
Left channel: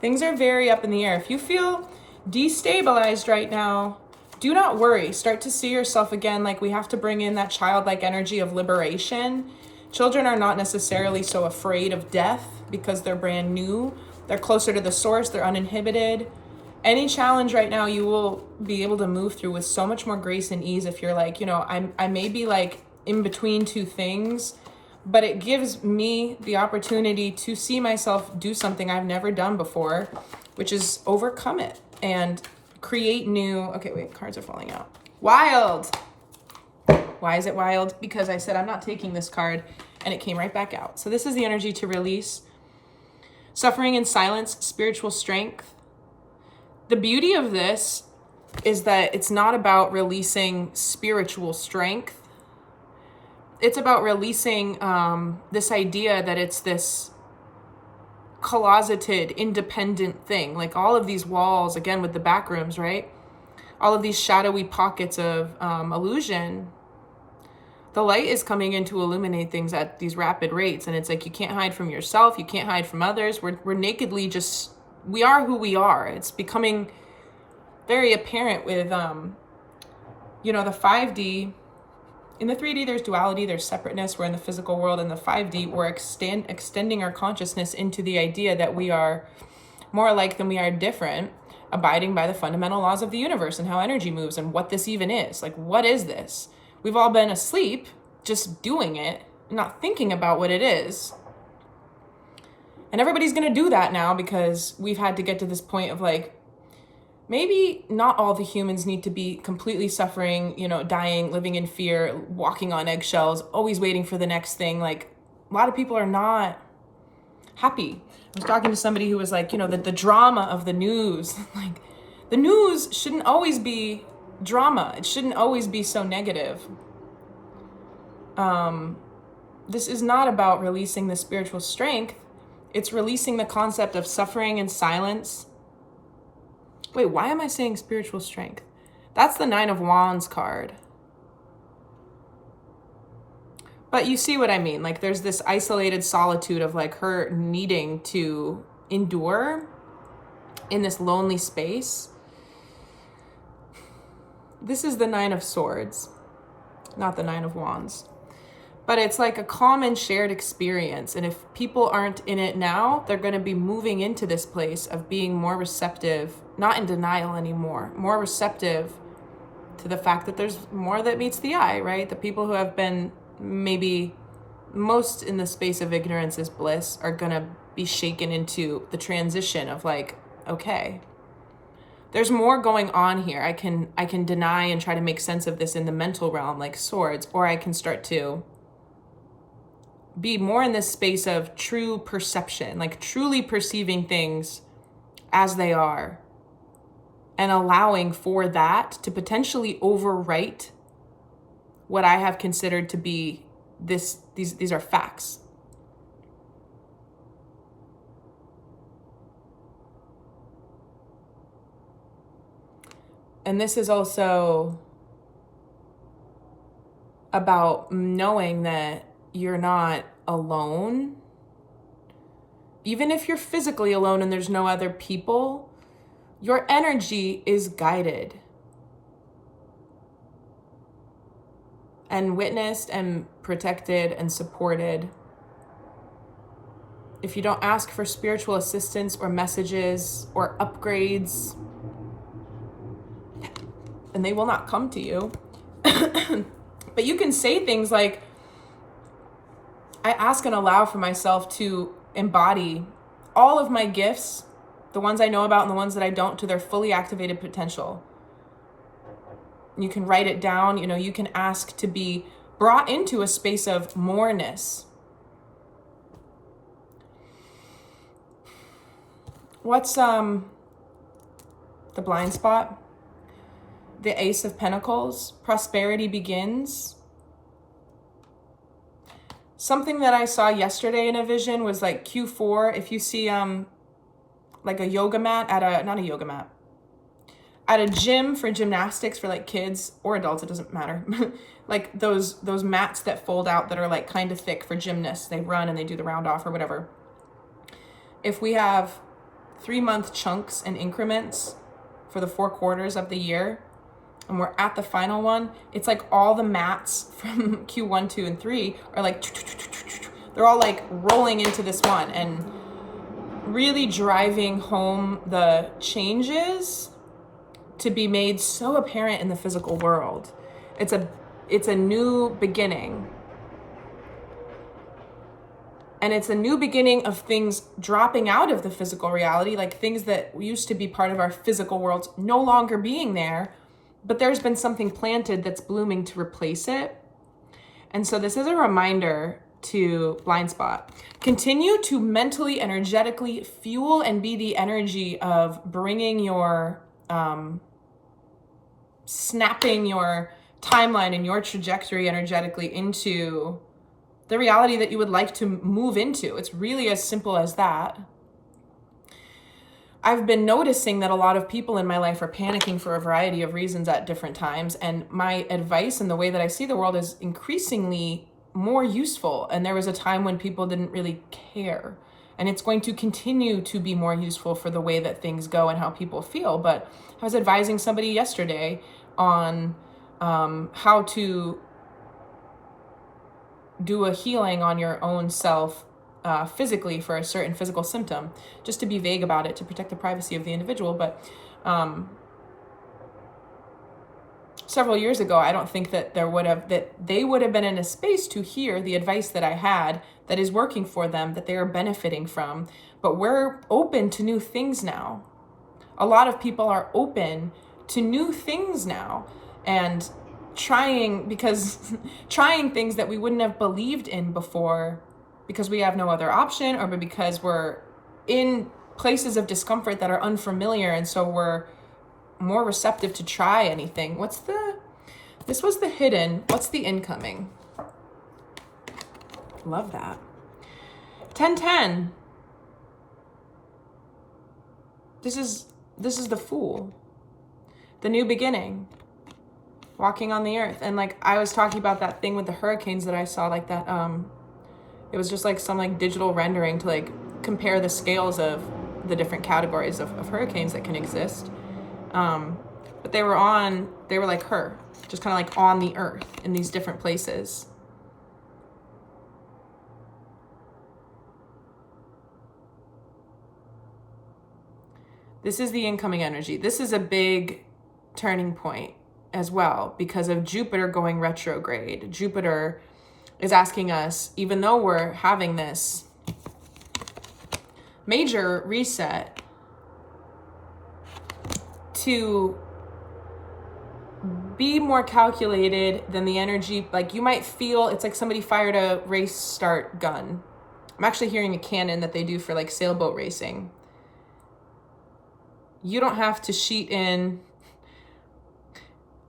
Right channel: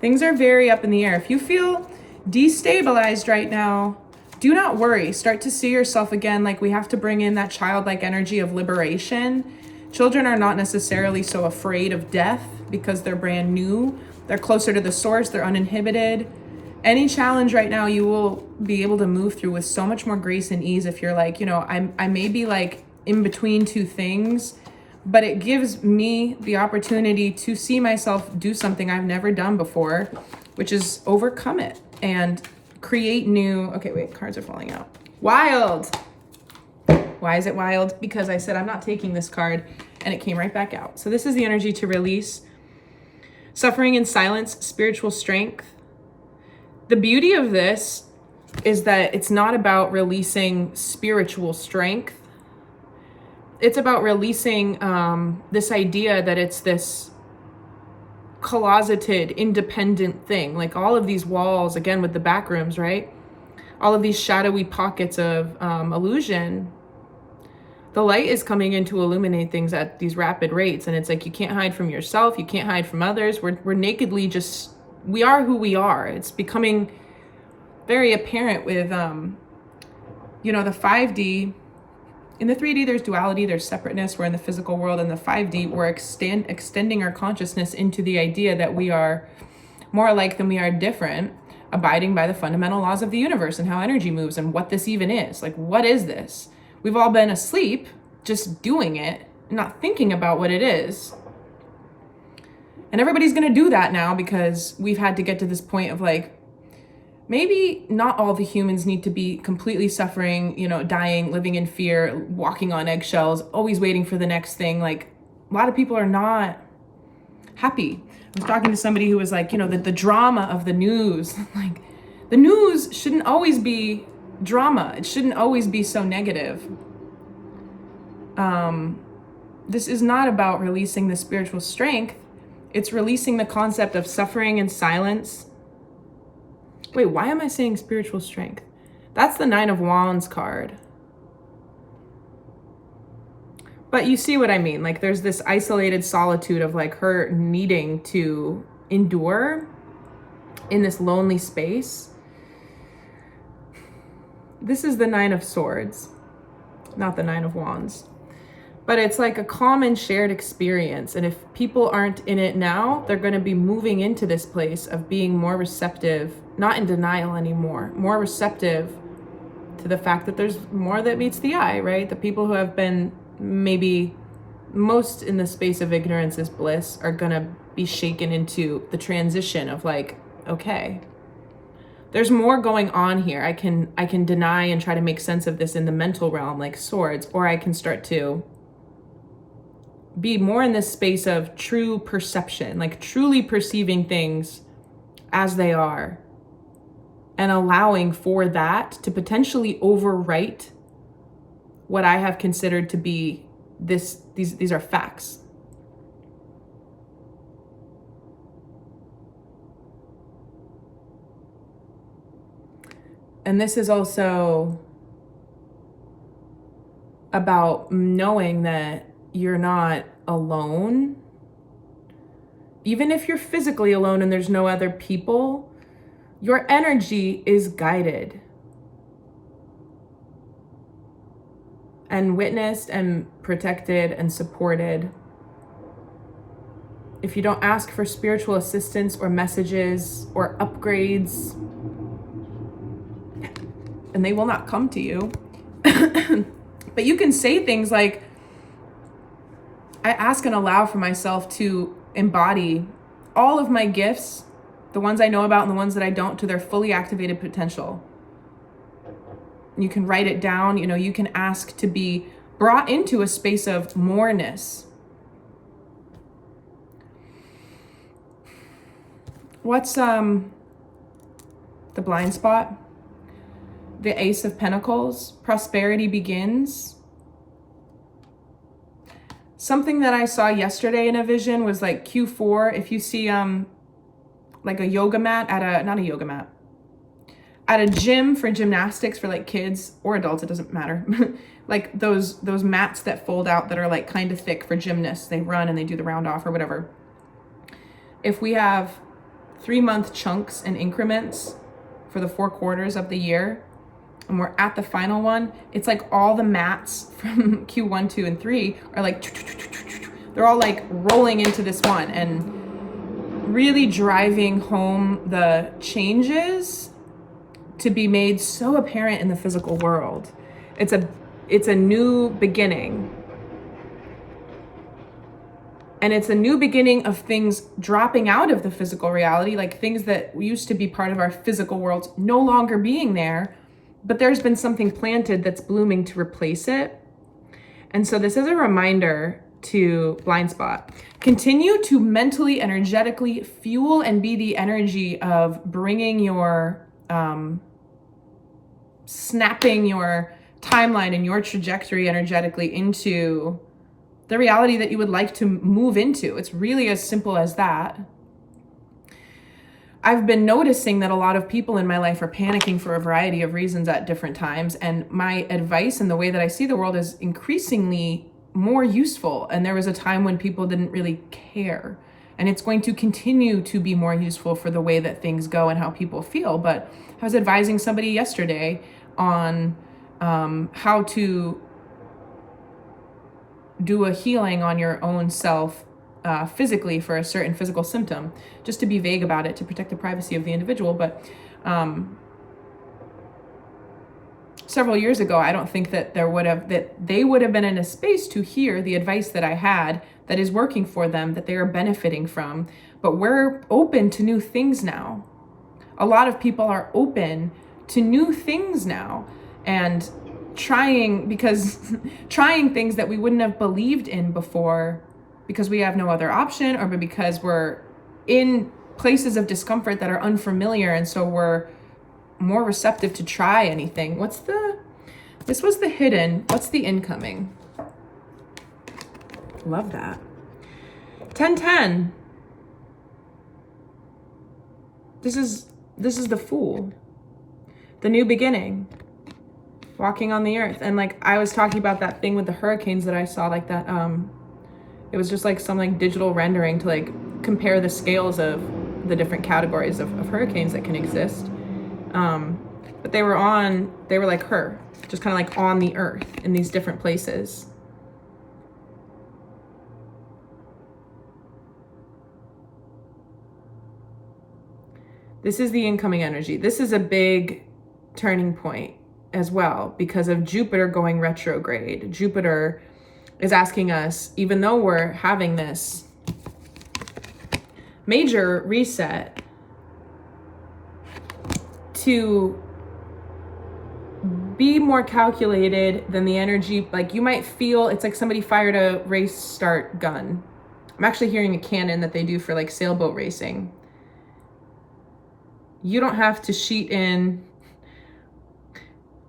Things are very up in the air. If you feel destabilized right now, do not worry. Start to see yourself again. Like we have to bring in that childlike energy of liberation. Children are not necessarily so afraid of death because they're brand new. They're closer to the source. They're uninhibited. Any challenge right now, you will be able to move through with so much more grace and ease if you're like, I may be like in between two things, but it gives me the opportunity to see myself do something I've never done before, which is overcome it and create new, okay, wait, cards are falling out. Wild. Why is it wild? Because I said I'm not taking this card and it came right back out. So this is the energy to release. Suffering in silence, spiritual strength. The beauty of this is that it's not about releasing spiritual strength. It's about releasing this idea that it's this closeted, independent thing. Like all of these walls, again, with the back rooms, right? All of these shadowy pockets of illusion. The light is coming in to illuminate things at these rapid rates. And it's like, you can't hide from yourself. You can't hide from others. We're nakedly just, we are who we are. It's becoming very apparent with, you know, the 5D. In the 3D, there's duality, there's separateness. We're in the physical world. In the 5D, we're extending our consciousness into the idea that we are more alike than we are different, abiding by the fundamental laws of the universe and how energy moves and what this even is. Like, what is this? We've all been asleep, just doing it, not thinking about what it is. And everybody's going to do that now because we've had to get to this point of like, maybe not all the humans need to be completely suffering, you know, dying, living in fear, walking on eggshells, always waiting for the next thing. Like, a lot of people are not happy. I was talking to somebody who was like, you know, the drama of the news. Like, the news shouldn't always be drama. It shouldn't always be so negative. This is not about releasing the spiritual strength. It's releasing the concept of suffering and silence. Wait, why am I saying spiritual strength? That's the 9 of Wands card. But you see what I mean? Like, there's this isolated solitude of like her needing to endure in this lonely space. This is the 9 of Swords, not the 9 of Wands. But it's like a common shared experience. And if people aren't in it now, they're going to be moving into this place of being more receptive, not in denial anymore, more receptive to the fact that there's more that meets the eye, right? The people who have been maybe most in the space of ignorance is bliss are going to be shaken into the transition of like, okay, there's more going on here. I can deny and try to make sense of this in the mental realm, like Swords, or I can start to be more in this space of true perception, like truly perceiving things as they are and allowing for that to potentially overwrite what I have considered to be these are facts. And this is also about knowing that you're not alone. Even if you're physically alone and there's no other people, your energy is guided and witnessed and protected and supported. If you don't ask for spiritual assistance or messages or upgrades, and they will not come to you, but you can say things like, I ask and allow for myself to embody all of my gifts, the ones I know about and the ones that I don't, to their fully activated potential. You can write it down, you know, you can ask to be brought into a space of moreness. What's the blind spot? The Ace of Pentacles. Prosperity begins. Something that I saw yesterday in a vision was like Q4. If you see like a yoga mat not a yoga mat, at a gym for gymnastics for like kids or adults, it doesn't matter. Like those mats that fold out that are like kind of thick for gymnasts. They run and they do the round off or whatever. If we have 3-month chunks and increments for the 4 quarters of the year, and we're at the final one, it's like all the mats from Q1, 2, and 3 are like, they're all like rolling into this one and really driving home the changes to be made so apparent in the physical world. It's a new beginning. And it's a new beginning of things dropping out of the physical reality, like things that used to be part of our physical worlds no longer being there, but there's been something planted that's blooming to replace it. And so this is a reminder to blind spot. Continue to mentally, energetically fuel and be the energy of bringing your snapping your timeline and your trajectory energetically into the reality that you would like to move into. It's really as simple as that. I've been noticing that a lot of people in my life are panicking for a variety of reasons at different times. And my advice and the way that I see the world is increasingly more useful. And there was a time when people didn't really care. And it's going to continue to be more useful for the way that things go and how people feel. But I was advising somebody yesterday on how to do a healing on your own self physically for a certain physical symptom, just to be vague about it, to protect the privacy of the individual. But several years ago, I don't think that they would have been in a space to hear the advice that I had that is working for them, that they are benefiting from. But we're open to new things now. A lot of people are open to new things now and trying things that we wouldn't have believed in before, because we have no other option, or because we're in places of discomfort that are unfamiliar, and so we're more receptive to try anything. This was the hidden, what's the incoming? Love that. 1010. This is the Fool. The new beginning. Walking on the earth. And like I was talking about that thing with the hurricanes that I saw, like that it was just like some like digital rendering to like compare the scales of the different categories of hurricanes that can exist. But they were like her, just kind of like on the earth in these different places. This is the incoming energy. This is a big turning point as well because of Jupiter going retrograde. Jupiter is asking us, even though we're having this major reset, to be more calculated than the energy. Like you might feel it's like somebody fired a race start gun. I'm actually hearing a cannon that they do for like sailboat racing. You don't have to sheet in.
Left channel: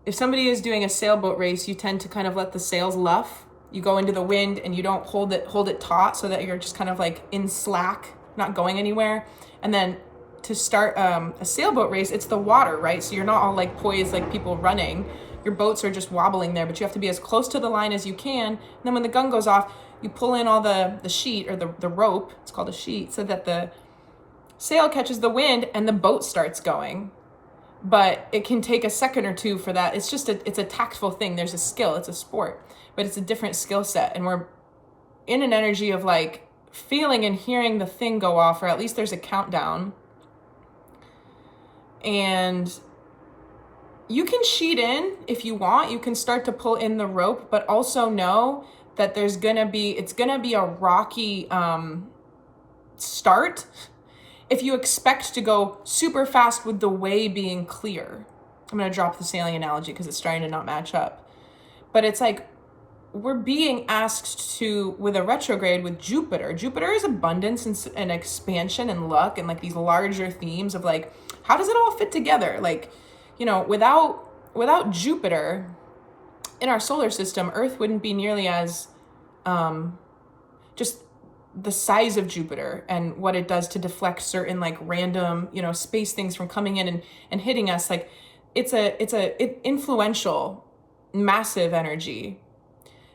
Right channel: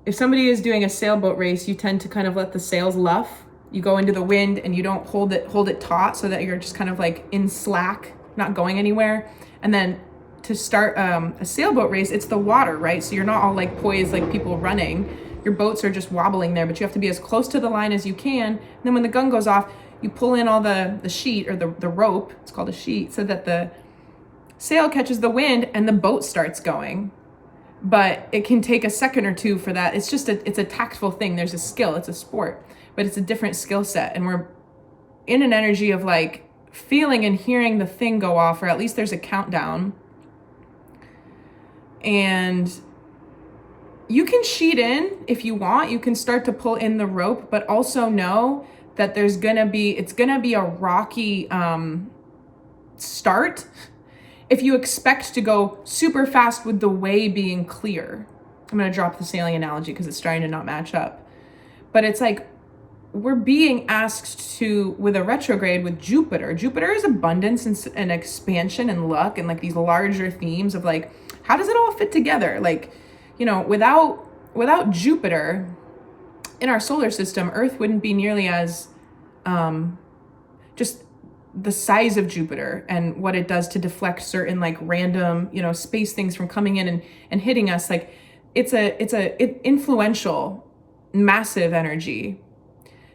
If somebody is doing a sailboat race, you tend to kind of let the sails luff. You go into the wind and you don't hold it taut so that you're just kind of like in slack, not going anywhere. And then to start a sailboat race, it's the water, right? So you're not all like poised like people running. Your boats are just wobbling there, but you have to be as close to the line as you can. And then when the gun goes off, you pull in all the sheet or the rope, it's called a sheet, so that the sail catches the wind and the boat starts going. But it can take a second or two for that. It's just it's a tactful thing. There's a skill, it's a sport, but it's a different skill set. And we're in an energy of like feeling and hearing the thing go off, or at least there's a countdown. And you can sheet in if you want, you can start to pull in the rope, but also know that it's gonna be a rocky start if you expect to go super fast with the way being clear. I'm going to drop the sailing analogy because it's starting to not match up. But it's like we're being asked to, with a retrograde with Jupiter. Jupiter is abundance and expansion and luck and like these larger themes of like, how does it all fit together? Like, you know, without Jupiter in our solar system, Earth wouldn't be nearly as just the size of Jupiter and what it does to deflect certain like random, you know, space things from coming in and hitting us. Like it's influential, massive energy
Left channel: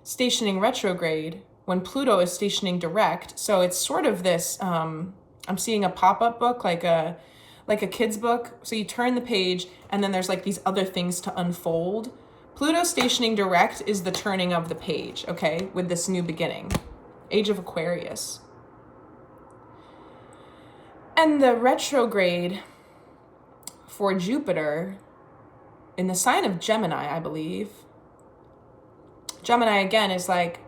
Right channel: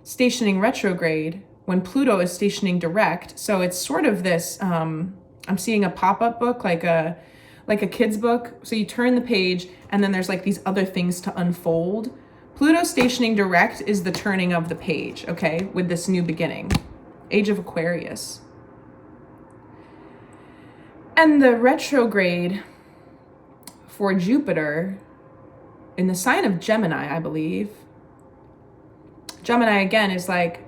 stationing retrograde when Pluto is stationing direct. So it's sort of this, I'm seeing a pop-up book, like a kid's book. So you turn the page and then there's like these other things to unfold. Pluto stationing direct is the turning of the page, okay, with this new beginning. Age of Aquarius. And the retrograde for Jupiter in the sign of Gemini, I believe. Gemini, again, is like,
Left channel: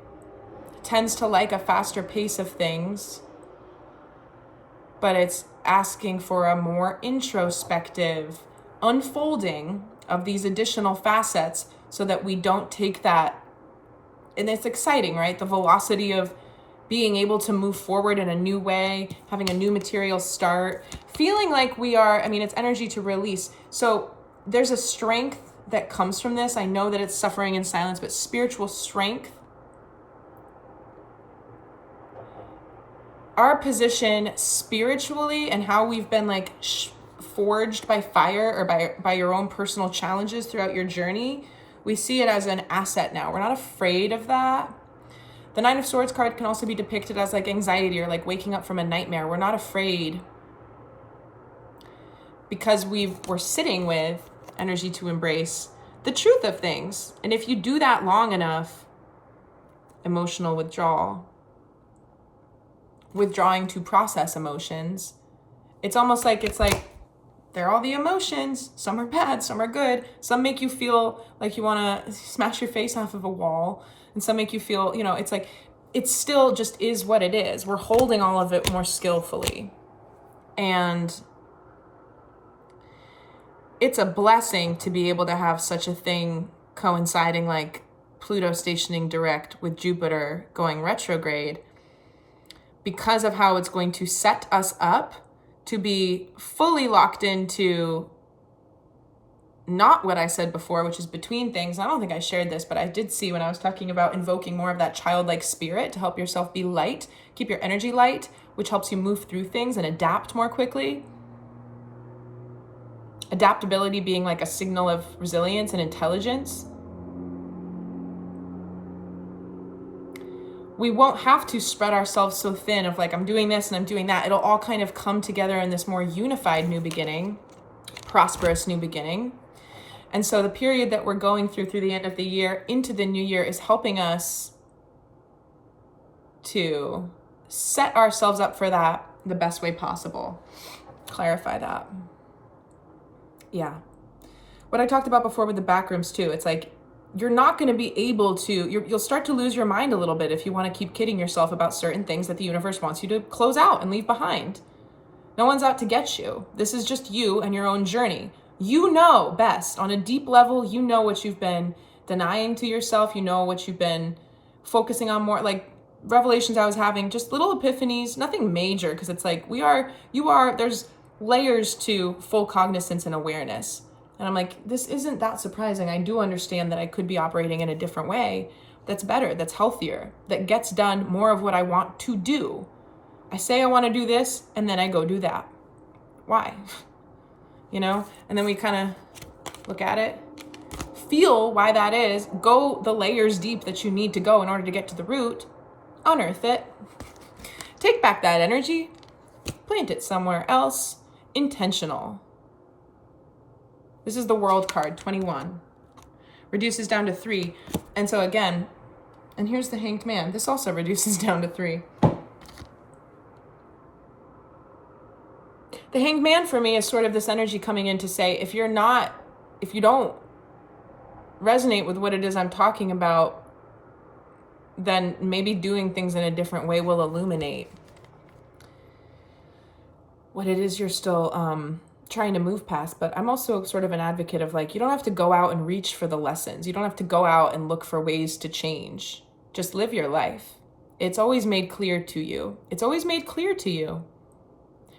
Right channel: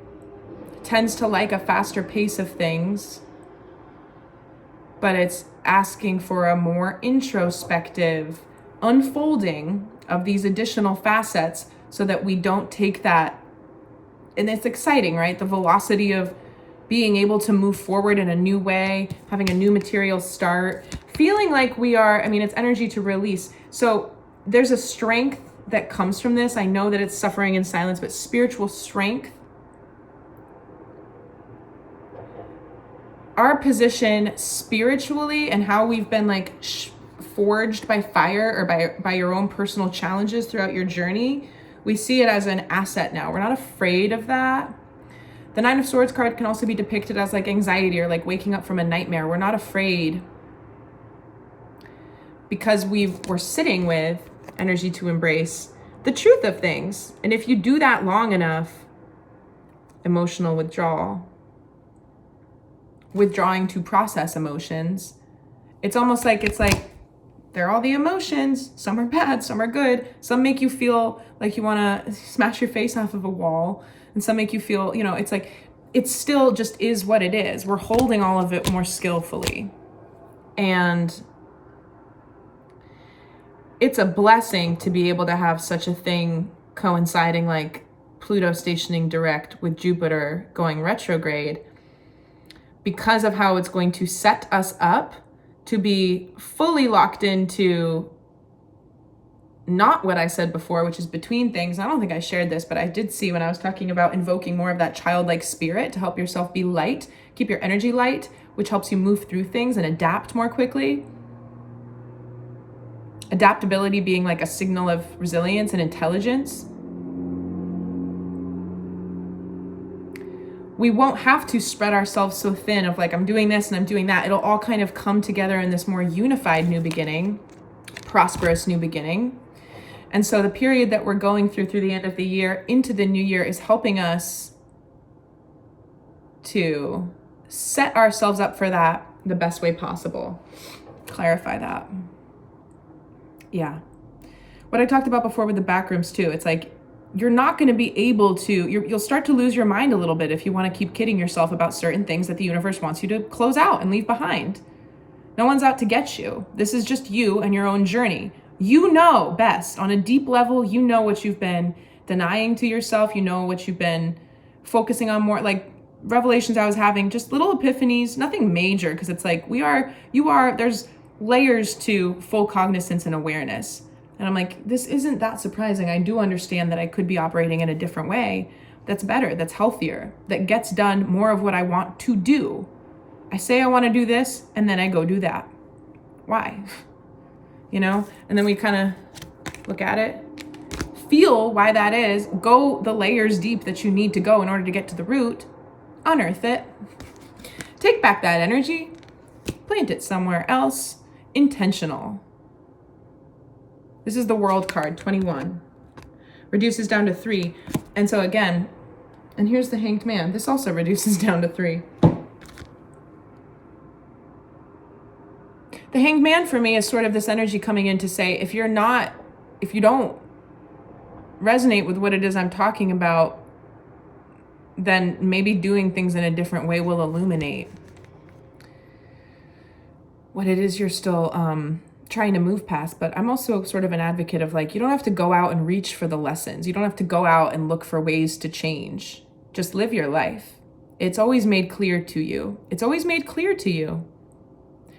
tends to like a faster pace of things, but it's asking for a more introspective unfolding of these additional facets so that we don't take that. And it's exciting, right? The velocity of being able to move forward in a new way, having a new material start, feeling like we are, I mean, it's energy to release. So there's a strength that comes from this. I know that it's suffering in silence, but spiritual strength. Our position spiritually and how we've been like forged by fire or by your own personal challenges throughout your journey, we see it as an asset now. We're not afraid of that. The Nine of Swords card can also be depicted as like anxiety or like waking up from a nightmare. We're not afraid because we're sitting with energy to embrace the truth of things. And if you do that long enough, emotional withdrawing to process emotions, it's almost like they're all the emotions. Some are bad, some are good. Some make you feel like you want to smash your face off of a wall, and some make you feel, you know, it's like it still just is what it is. We're holding all of it more skillfully. And it's a blessing to be able to have such a thing coinciding, like Pluto stationing direct with Jupiter going retrograde, because of how it's going to set us up to be fully locked into not what I said before, which is between things. I don't think I shared this, but I did see when I was talking about invoking more of that childlike spirit to help yourself be light, keep your energy light, which helps you move through things and adapt more quickly. Adaptability being like a signal of resilience and intelligence. We won't have to spread ourselves so thin of like, I'm doing this and I'm doing that. It'll all kind of come together in this more unified new beginning, prosperous new beginning. And so the period that we're going through the end of the year into the new year is helping us to set ourselves up for that the best way possible. Clarify that. Yeah. What I talked about before with the backrooms too, it's like, you're not going to be able to, you'll start to lose your mind a little bit if you want to keep kidding yourself about certain things that the universe wants you to close out and leave behind. No one's out to get you. This is just you and your own journey. You know best. On a deep level, you know what you've been denying to yourself. You know what you've been focusing on more, like revelations I was having, just little epiphanies, nothing major, because it's like there's layers to full cognizance and awareness. And I'm like, this isn't that surprising. I do understand that I could be operating in a different way that's better, that's healthier, that gets done more of what I want to do. I say I want to do this, and then I go do that. Why? You know? And then we kind of look at it, feel why that is, go the layers deep that you need to go in order to get to the root, unearth it, take back that energy, plant it somewhere else, intentional. This is the World card, 21. Reduces down to 3. And so again, and here's the Hanged Man. This also reduces down to 3. The Hanged Man for me is sort of this energy coming in to say, if you don't resonate with what it is I'm talking about, then maybe doing things in a different way will illuminate what it is you're still trying to move past. But I'm also sort of an advocate of like, you don't have to go out and reach for the lessons. You don't have to go out and look for ways to change. Just live your life. It's always made clear to you. It's always made clear to you.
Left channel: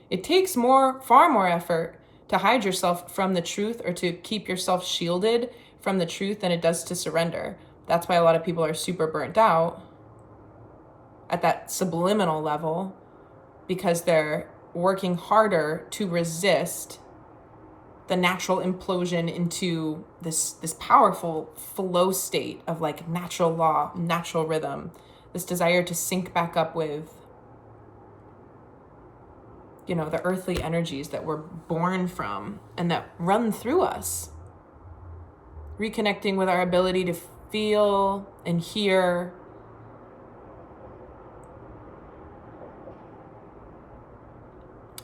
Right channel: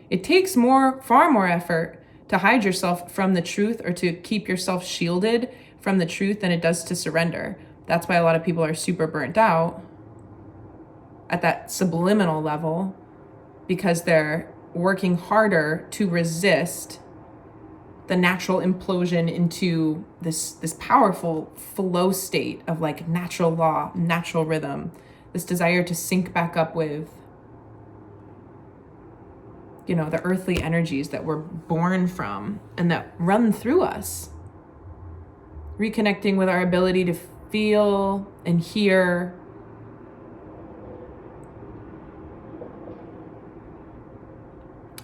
It takes far more effort to hide yourself from the truth or to keep yourself shielded from the truth than it does to surrender. That's why a lot of people are super burnt out at that subliminal level, because they're working harder to resist the natural implosion into this powerful flow state of like natural law, natural rhythm, this desire to sync back up with, you know, the earthly energies that we're born from and that run through us. Reconnecting with our ability to feel and hear.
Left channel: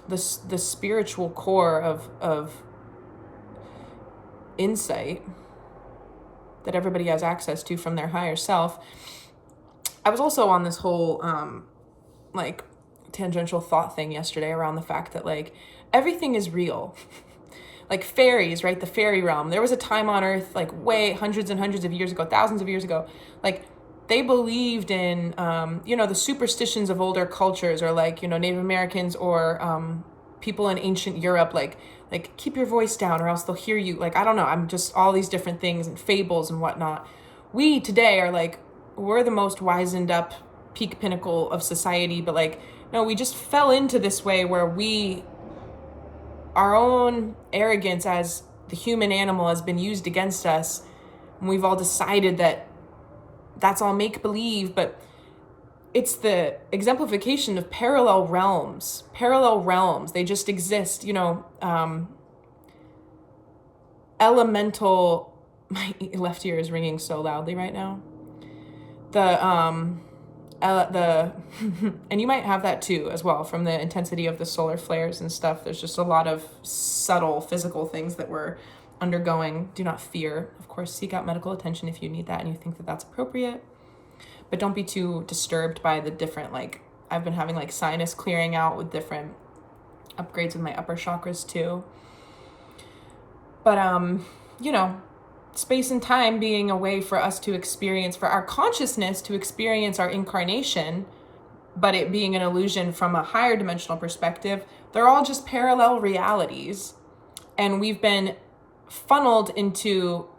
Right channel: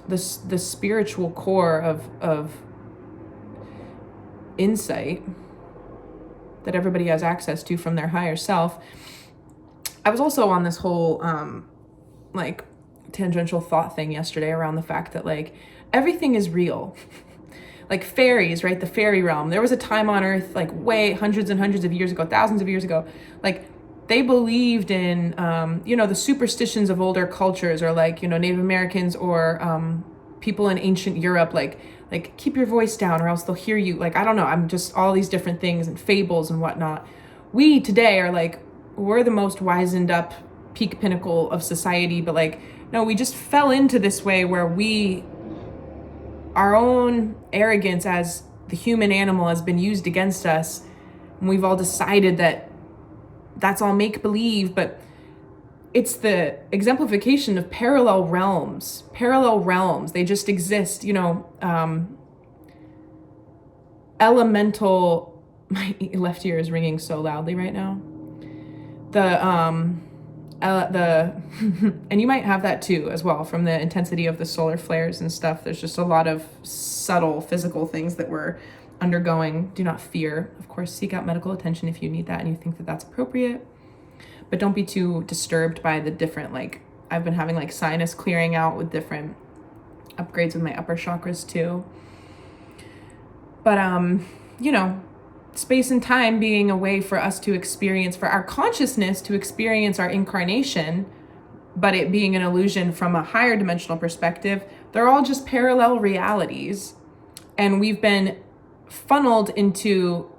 The spiritual core of insight that everybody has access to from their higher self. I was also on this whole like tangential thought thing yesterday around the fact that like everything is real. Like fairies, right? The fairy realm. There was a time on Earth like way hundreds and hundreds of years ago, thousands of years ago, like they believed in, you know, the superstitions of older cultures, or like, you know, Native Americans or people in ancient Europe, like keep your voice down or else they'll hear you. Like, I don't know, I'm just all these different things and fables and whatnot. We today are like, we're the most wizened up peak pinnacle of society, but like, no, we just fell into this way where our own arrogance as the human animal has been used against us. And we've all decided that that's all make believe, but it's the exemplification of parallel realms. They just exist, elemental, my left ear is ringing so loudly right now. And you might have that too as well from the intensity of the solar flares and stuff. There's just a lot of subtle physical things that we're undergoing. Do not fear. Of course, seek out medical attention if you need that and you think that that's appropriate. But don't be too disturbed by the different, like, I've been having like sinus clearing out with different upgrades with my upper chakras too. But, space and time being a way for us to experience, for our consciousness to experience our incarnation, but it being an illusion from a higher dimensional perspective, they're all just parallel realities. And we've been funneled into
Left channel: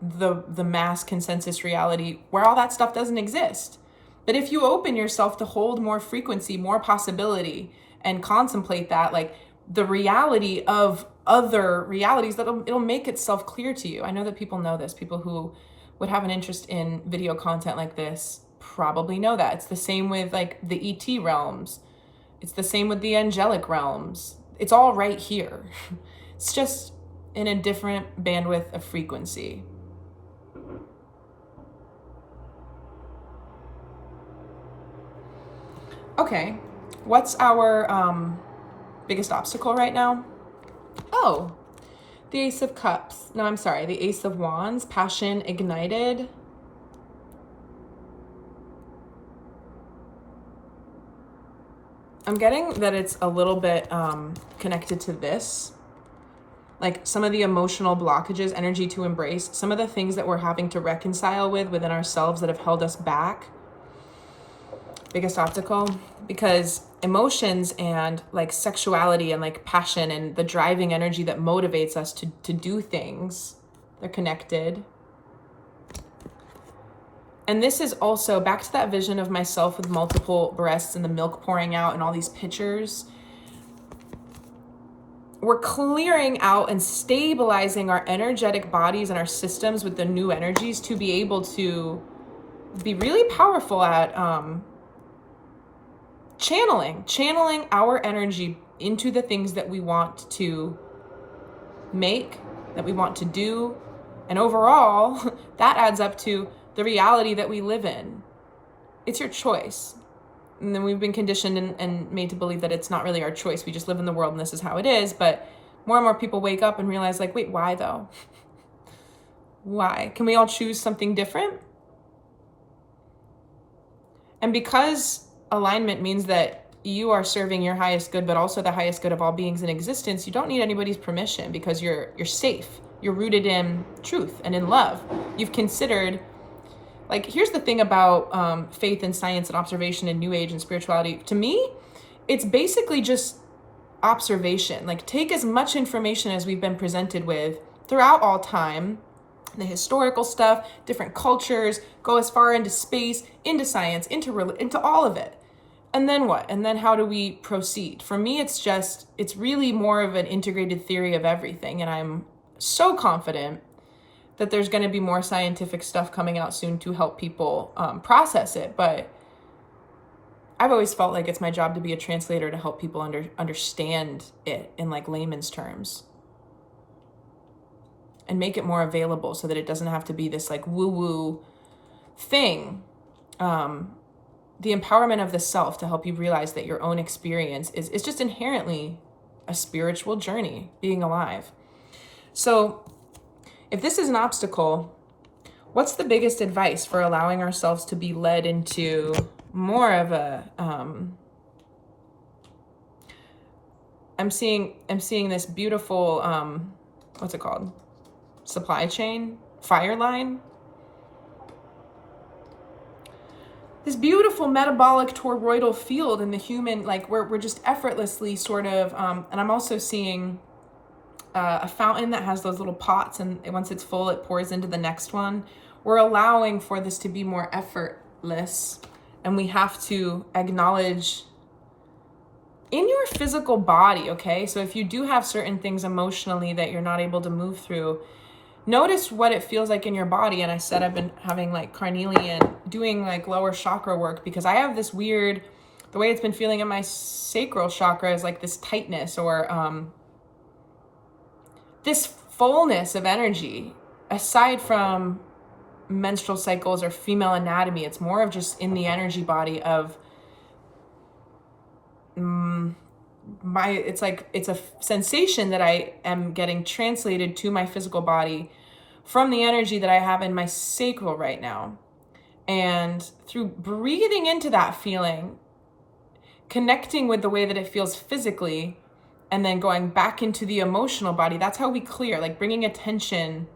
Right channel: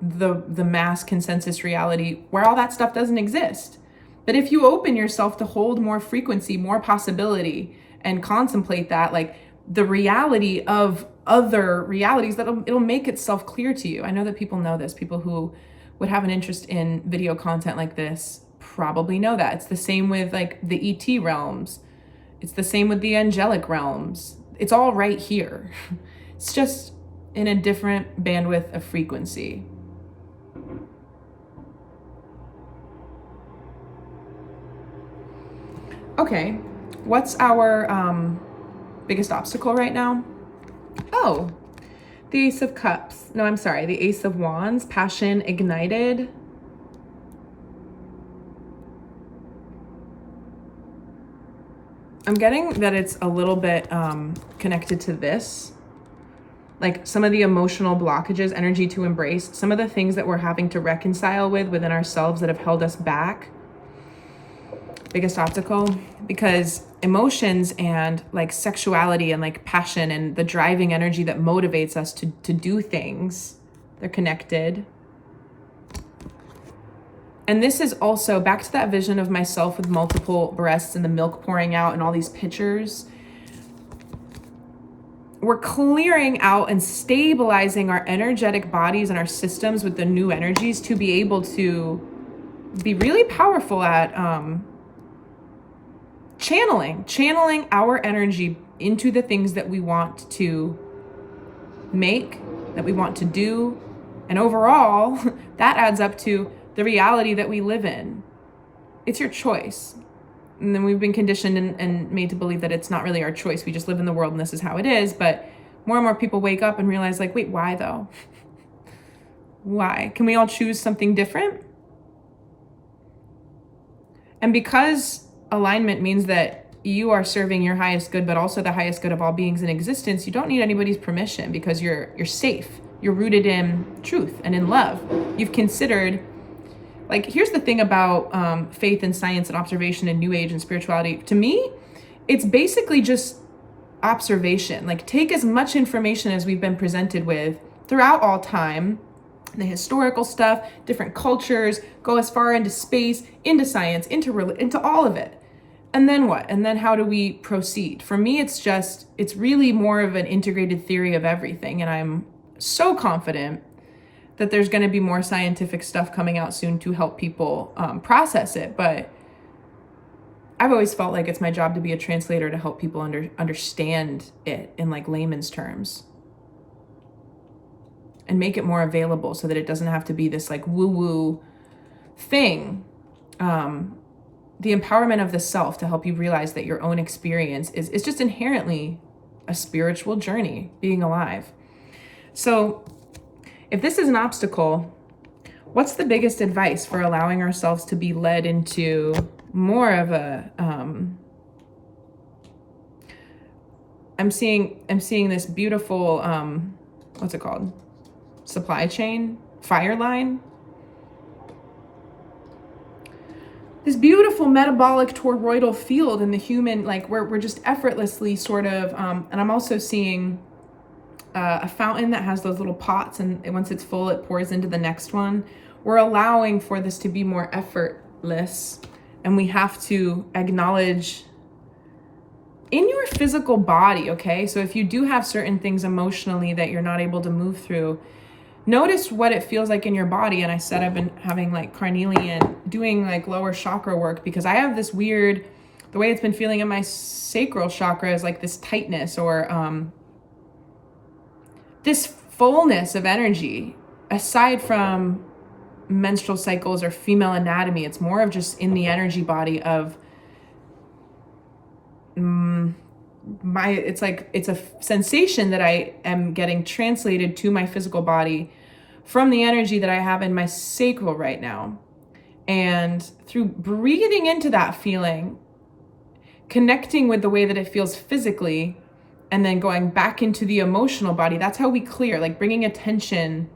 the mass consensus reality where all that stuff doesn't exist. But if you open yourself to hold more frequency, more possibility, and contemplate that, like the reality of other realities, it'll make itself clear to you. I know that people know this. People who would have an interest in video content like this probably know that. It's the same with like the ET realms. It's the same with the angelic realms. It's all right here. It's just in a different bandwidth of frequency. Okay, what's our biggest obstacle right now? Oh, the Ace of Cups. No, I'm sorry, the Ace of Wands, passion ignited. I'm getting that it's a little bit connected to this. Like some of the emotional blockages, energy to embrace, some of the things that we're having to reconcile within ourselves that have held us back. Biggest obstacle, because emotions and like sexuality and like passion and the driving energy that motivates us to do things, they're connected. And this is also back to that vision of myself with multiple breasts and the milk pouring out and all these pictures. We're clearing out and stabilizing our energetic bodies and our systems with the new energies to be able to be really powerful at channeling our energy into the things that we want to make, that we want to do. And overall, that adds up to the reality that we live in. It's your choice. And then we've been conditioned and made to believe that it's not really our choice. We just live in the world and this is how it is. But more and more people wake up and realize like, wait, why though? Why? Can we all choose something different? And because alignment means that you are serving your highest good, but also the highest good of all beings in existence, you don't need anybody's permission because you're safe. You're rooted in truth and in love. You've considered, like, here's the thing about faith and science and observation and new age and spirituality. To me, it's basically just observation. Like, take as much information as we've been presented with throughout all time, the historical stuff, different cultures, go as far into space, into science, into all of it. And then what? And then how do we proceed? For me, it's really more of an integrated theory of everything. And I'm so confident that there's going to be more scientific stuff coming out soon to help people process it. But I've always felt like it's my job to be a translator to help people understand it in like layman's terms and make it more available so that it doesn't have to be this like woo-woo thing. The empowerment of the self to help you realize that your own experience is just inherently a spiritual journey, being alive. So if this is an obstacle, what's the biggest advice for allowing ourselves to be led into more of a, I'm seeing this beautiful, what's it called? Supply chain, fire line. this beautiful metabolic toroidal field in the human, like we're just effortlessly sort of, and I'm also seeing a fountain that has those little pots, and once it's full, it pours into the next one. We're allowing for this to be more effortless, and we have to acknowledge in your physical body, okay? So if you do have certain things emotionally that you're not able to move through, notice what it feels like in your body. And I said I've been having like carnelian, doing like lower chakra work, because I have this weird, the way it's been feeling in my sacral chakra is like this tightness or this fullness of energy. Aside from menstrual cycles or female anatomy, it's more of just in the energy body of it's a sensation that I am getting translated to my physical body from the energy that I have in my sacral right now. And through breathing into that feeling, connecting with the way that it feels physically, and then going back into the emotional body, that's how we clear, like bringing attention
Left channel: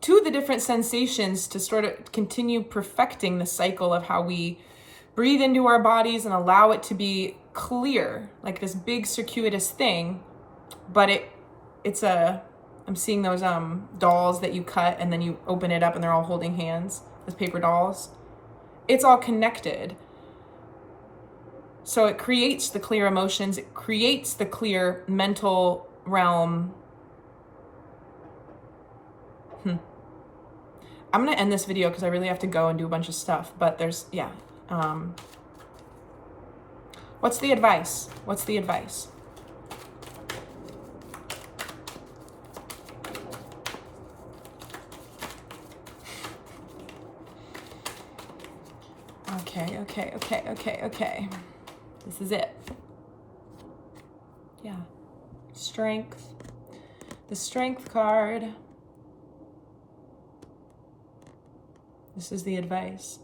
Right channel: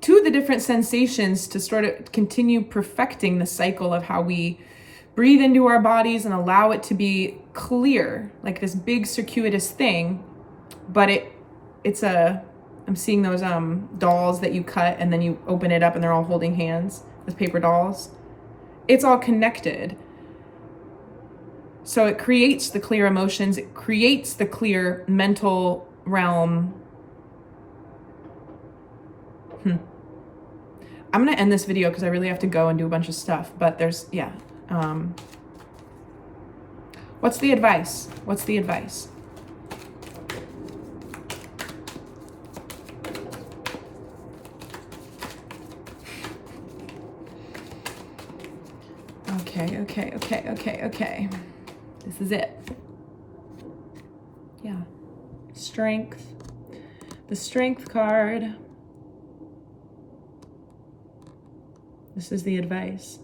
to the different sensations to sort of continue perfecting the cycle of how we breathe into our bodies and allow it to be clear, like this big circuitous thing. But I'm seeing those dolls that you cut and then you open it up and they're all holding hands, those paper dolls. It's all connected. So it creates the clear emotions, it creates the clear mental realm. I'm gonna end this video because I really have to go and do a bunch of stuff, but there's, yeah. What's the advice? What's the advice? Okay. This is it. Yeah. Strength. The Strength card. This is the advice.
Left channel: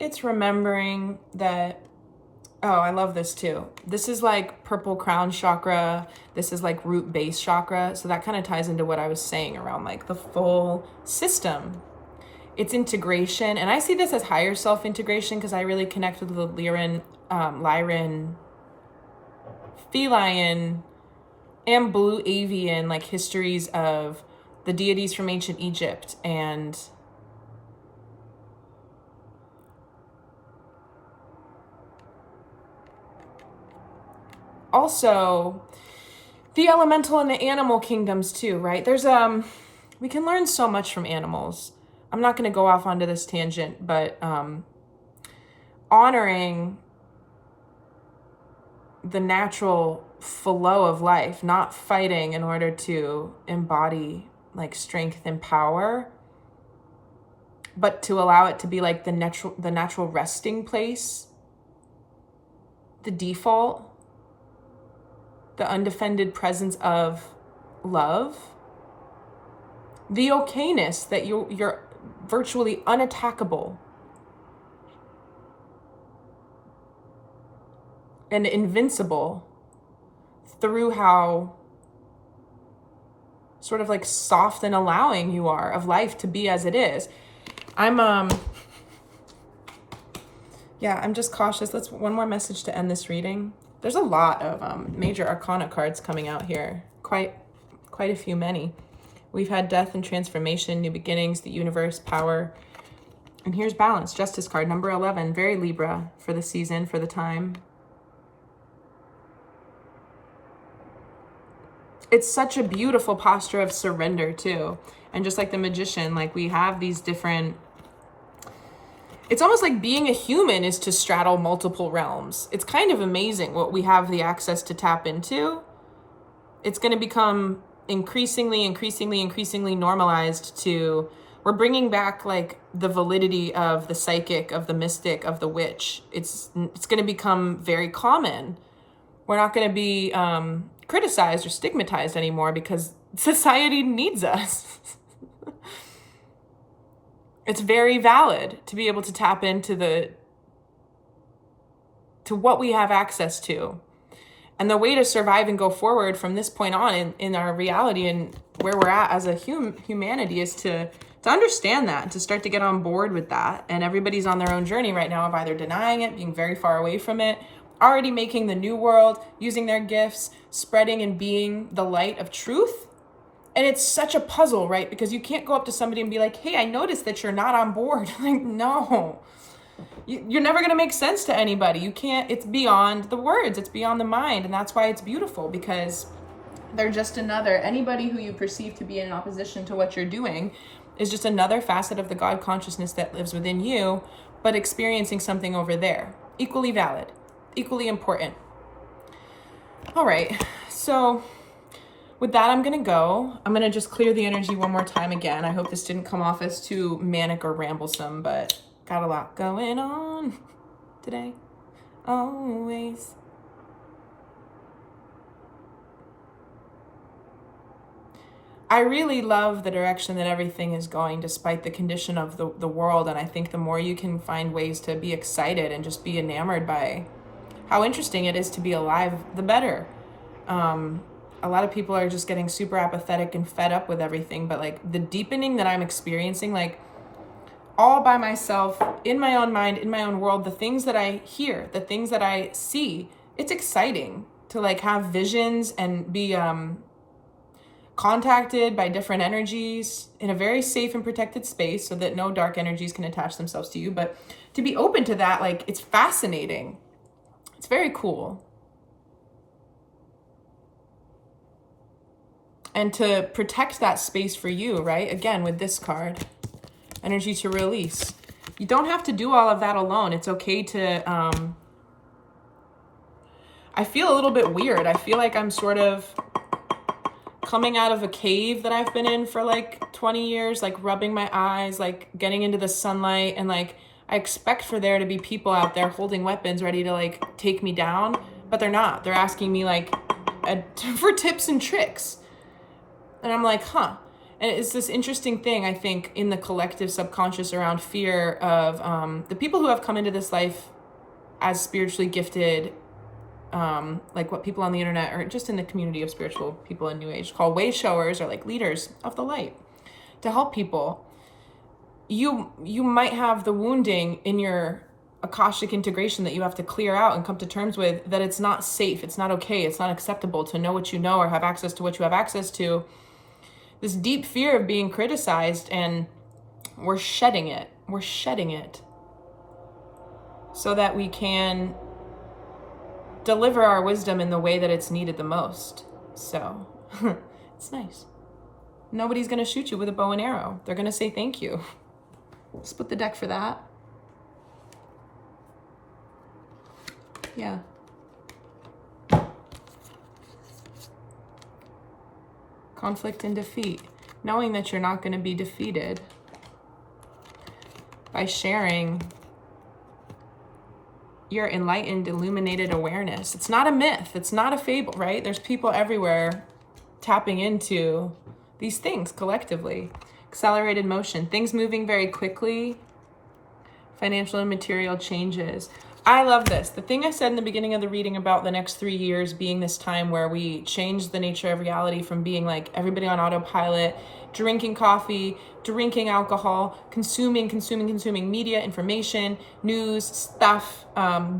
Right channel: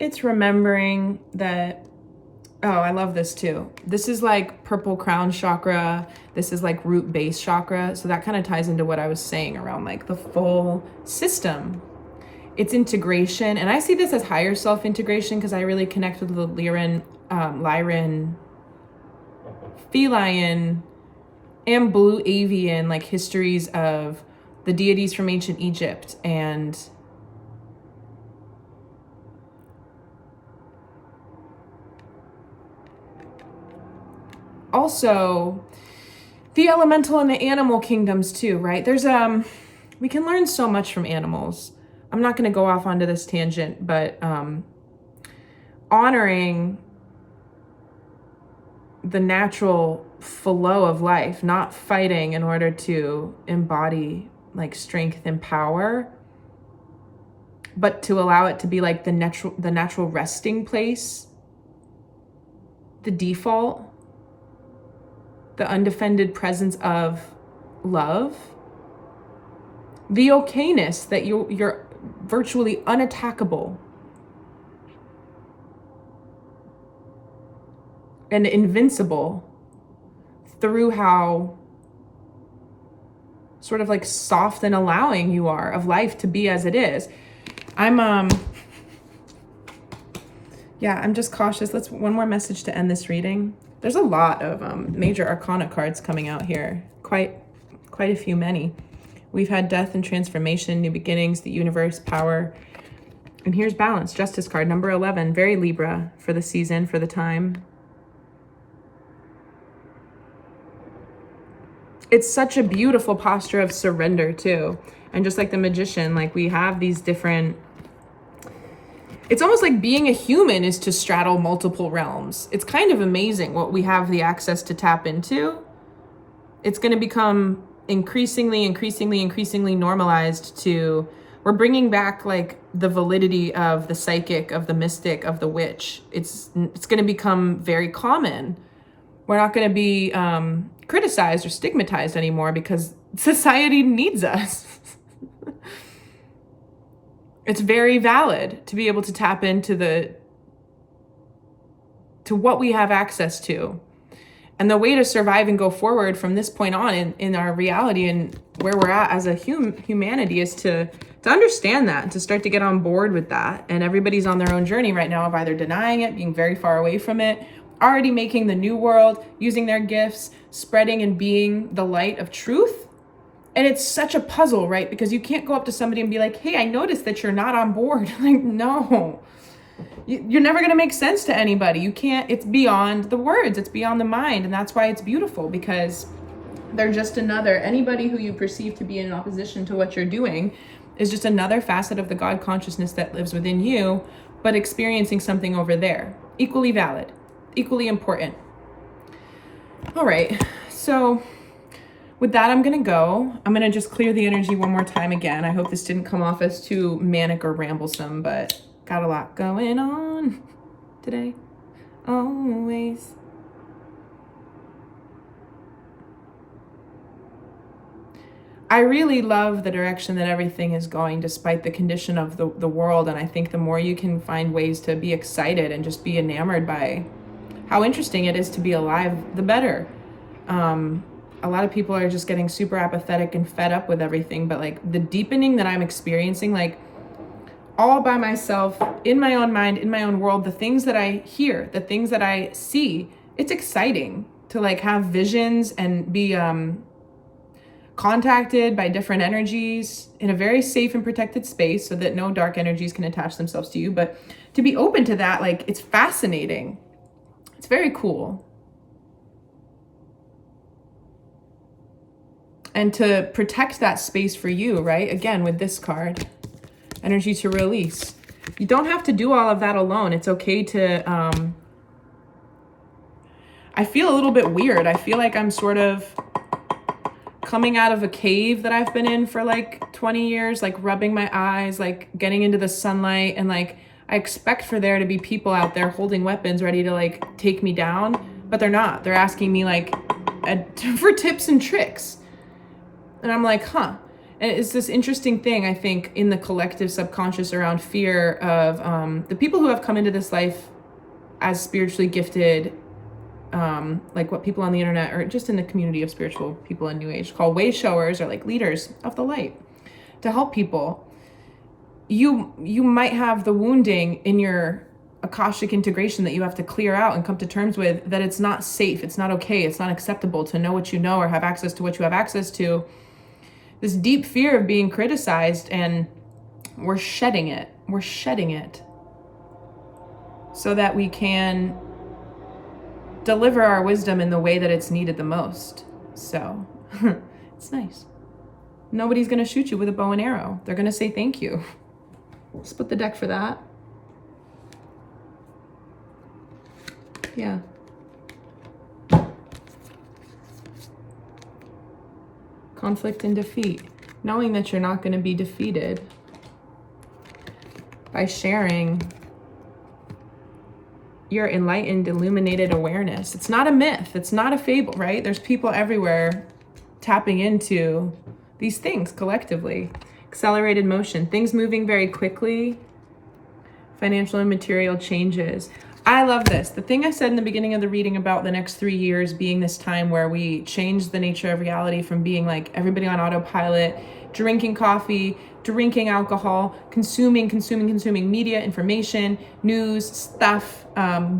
It's remembering that, oh, I love this too. This is like purple crown chakra. This is like root base chakra. So that kind of ties into what I was saying around like the full system. It's integration. And I see this as higher self integration because I really connect with the Lyran, feline, and blue avian like histories of the deities from ancient Egypt. And also the elemental and the animal kingdoms too, right? There's we can learn so much from animals. I'm not going to go off onto this tangent, but honoring the natural flow of life, not fighting in order to embody like strength and power, but to allow it to be like the natural resting place, the default, the undefended presence of love, the okayness that you're virtually unattackable and invincible through how sort of like soft and allowing you are of life to be as it is. I'm just cautious. Let's one more message to end this reading. There's a lot of major arcana cards coming out here. Quite a few, many. We've had death and transformation, new beginnings, the universe, power. And here's balance, justice card, number 11, very Libra for the season, for the time. It's such a beautiful posture of surrender too. And just like the magician, like we have these different, it's almost like being a human is to straddle multiple realms. It's kind of amazing what we have the access to tap into. It's going to become increasingly normalized to, we're bringing back like the validity of the psychic, of the mystic, of the witch. It's going to become very common. We're not going to be criticized or stigmatized anymore because society needs us. It's very valid to be able to tap into to what we have access to. And the way to survive and go forward from this point on in our reality and where we're at as a humanity is to to understand that and to start to get on board with that. And everybody's on their own journey right now of either denying it, being very far away from it, already making the new world, using their gifts, spreading and being the light of truth. And it's such a puzzle, right? Because you can't go up to somebody and be like, hey, I noticed that you're not on board. Like, no, you're never going to make sense to anybody. You can't, it's beyond the words, it's beyond the mind. And that's why it's beautiful, because they're just anybody who you perceive to be in opposition to what you're doing is just another facet of the God consciousness that lives within you, but experiencing something over there. Equally valid, equally important. All right, so with that, I'm gonna go. I'm gonna just clear the energy one more time again. I hope this didn't come off as too manic or ramblesome, but got a lot going on today, always. I really love the direction that everything is going despite the condition of the world. And I think the more you can find ways to be excited and just be enamored by how interesting it is to be alive, the better. A lot of people are just getting super apathetic and fed up with everything. But like the deepening that I'm experiencing, like all by myself, in my own mind, in my own world, the things that I hear, the things that I see, it's exciting to like have visions and be, contacted by different energies in a very safe and protected space so that no dark energies can attach themselves to you. But to be open to that, like, it's fascinating. It's very cool. And to protect that space for you, right? Again, with this card, energy to release. You don't have to do all of that alone. It's okay to, I feel a little bit weird. I feel like I'm sort of coming out of a cave that I've been in for like 20 years, like rubbing my eyes, like getting into the sunlight. And like, I expect for there to be people out there holding weapons ready to like take me down, but they're not. They're asking me like for tips and tricks. And I'm like, huh. And it's this interesting thing, I think, in the collective subconscious around fear of the people who have come into this life as spiritually gifted, like what people on the internet or just in the community of spiritual people in New Age call way showers, or like leaders of the light, to help people. You might have the wounding in your Akashic integration that you have to clear out and come to terms with, that it's not safe, it's not okay, it's not acceptable to know what you know or have access to what you have access to. This deep fear of being criticized, and we're shedding it. We're shedding it so that we can deliver our wisdom in the way that it's needed the most. So it's nice. Nobody's going to shoot you with a bow and arrow. They're going to say thank you. Split the deck for that. Yeah. Conflict and defeat. Knowing that you're not going to be defeated by sharing your enlightened, illuminated awareness. It's not a myth. It's not a fable, right? There's people everywhere tapping into these things collectively. Accelerated motion, things moving very quickly, financial and material changes. I love this. The thing I said in the beginning of the reading about the next 3 years being this time where we change the nature of reality from being like everybody on autopilot, drinking coffee, drinking alcohol, consuming media, information, news, stuff,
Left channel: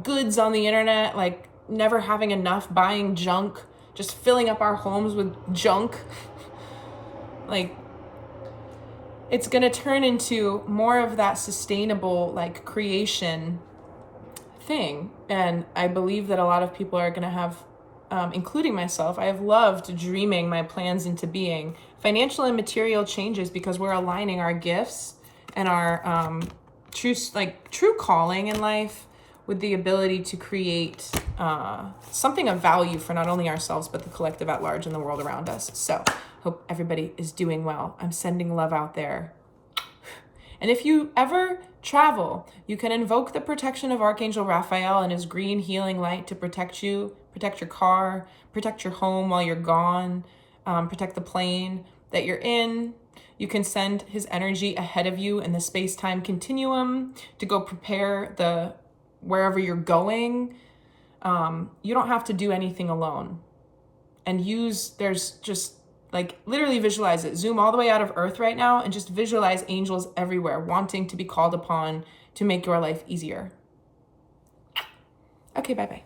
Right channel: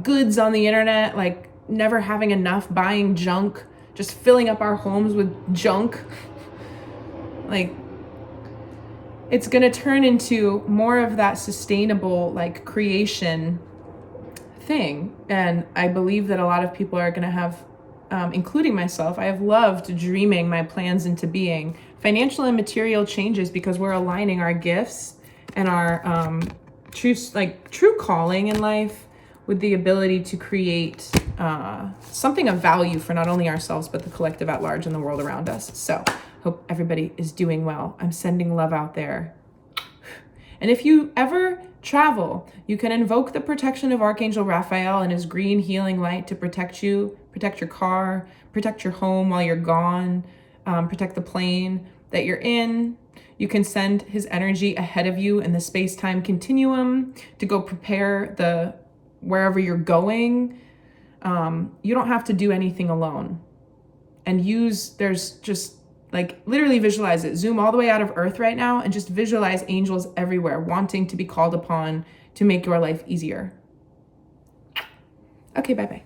goods on the internet, like never having enough, buying junk, just filling up our homes with junk. Like, it's going to turn into more of that sustainable, like, creation thing. And I believe that a lot of people are going to have, including myself, I have loved dreaming my plans into being. Financial and material changes because we're aligning our gifts and our true calling in life with the ability to create something of value for not only ourselves, but the collective at large and the world around us. So hope everybody is doing well. I'm sending love out there. And if you ever travel, you can invoke the protection of Archangel Raphael and his green healing light to protect you, protect your car, protect your home while you're gone, protect the plane that you're in. You can send his energy ahead of you in the space-time continuum to go prepare wherever you're going. You don't have to do anything alone. And there's just Like literally visualize it. Zoom all the way out of Earth right now and just visualize angels everywhere wanting to be called upon to make your life easier. Okay, bye-bye.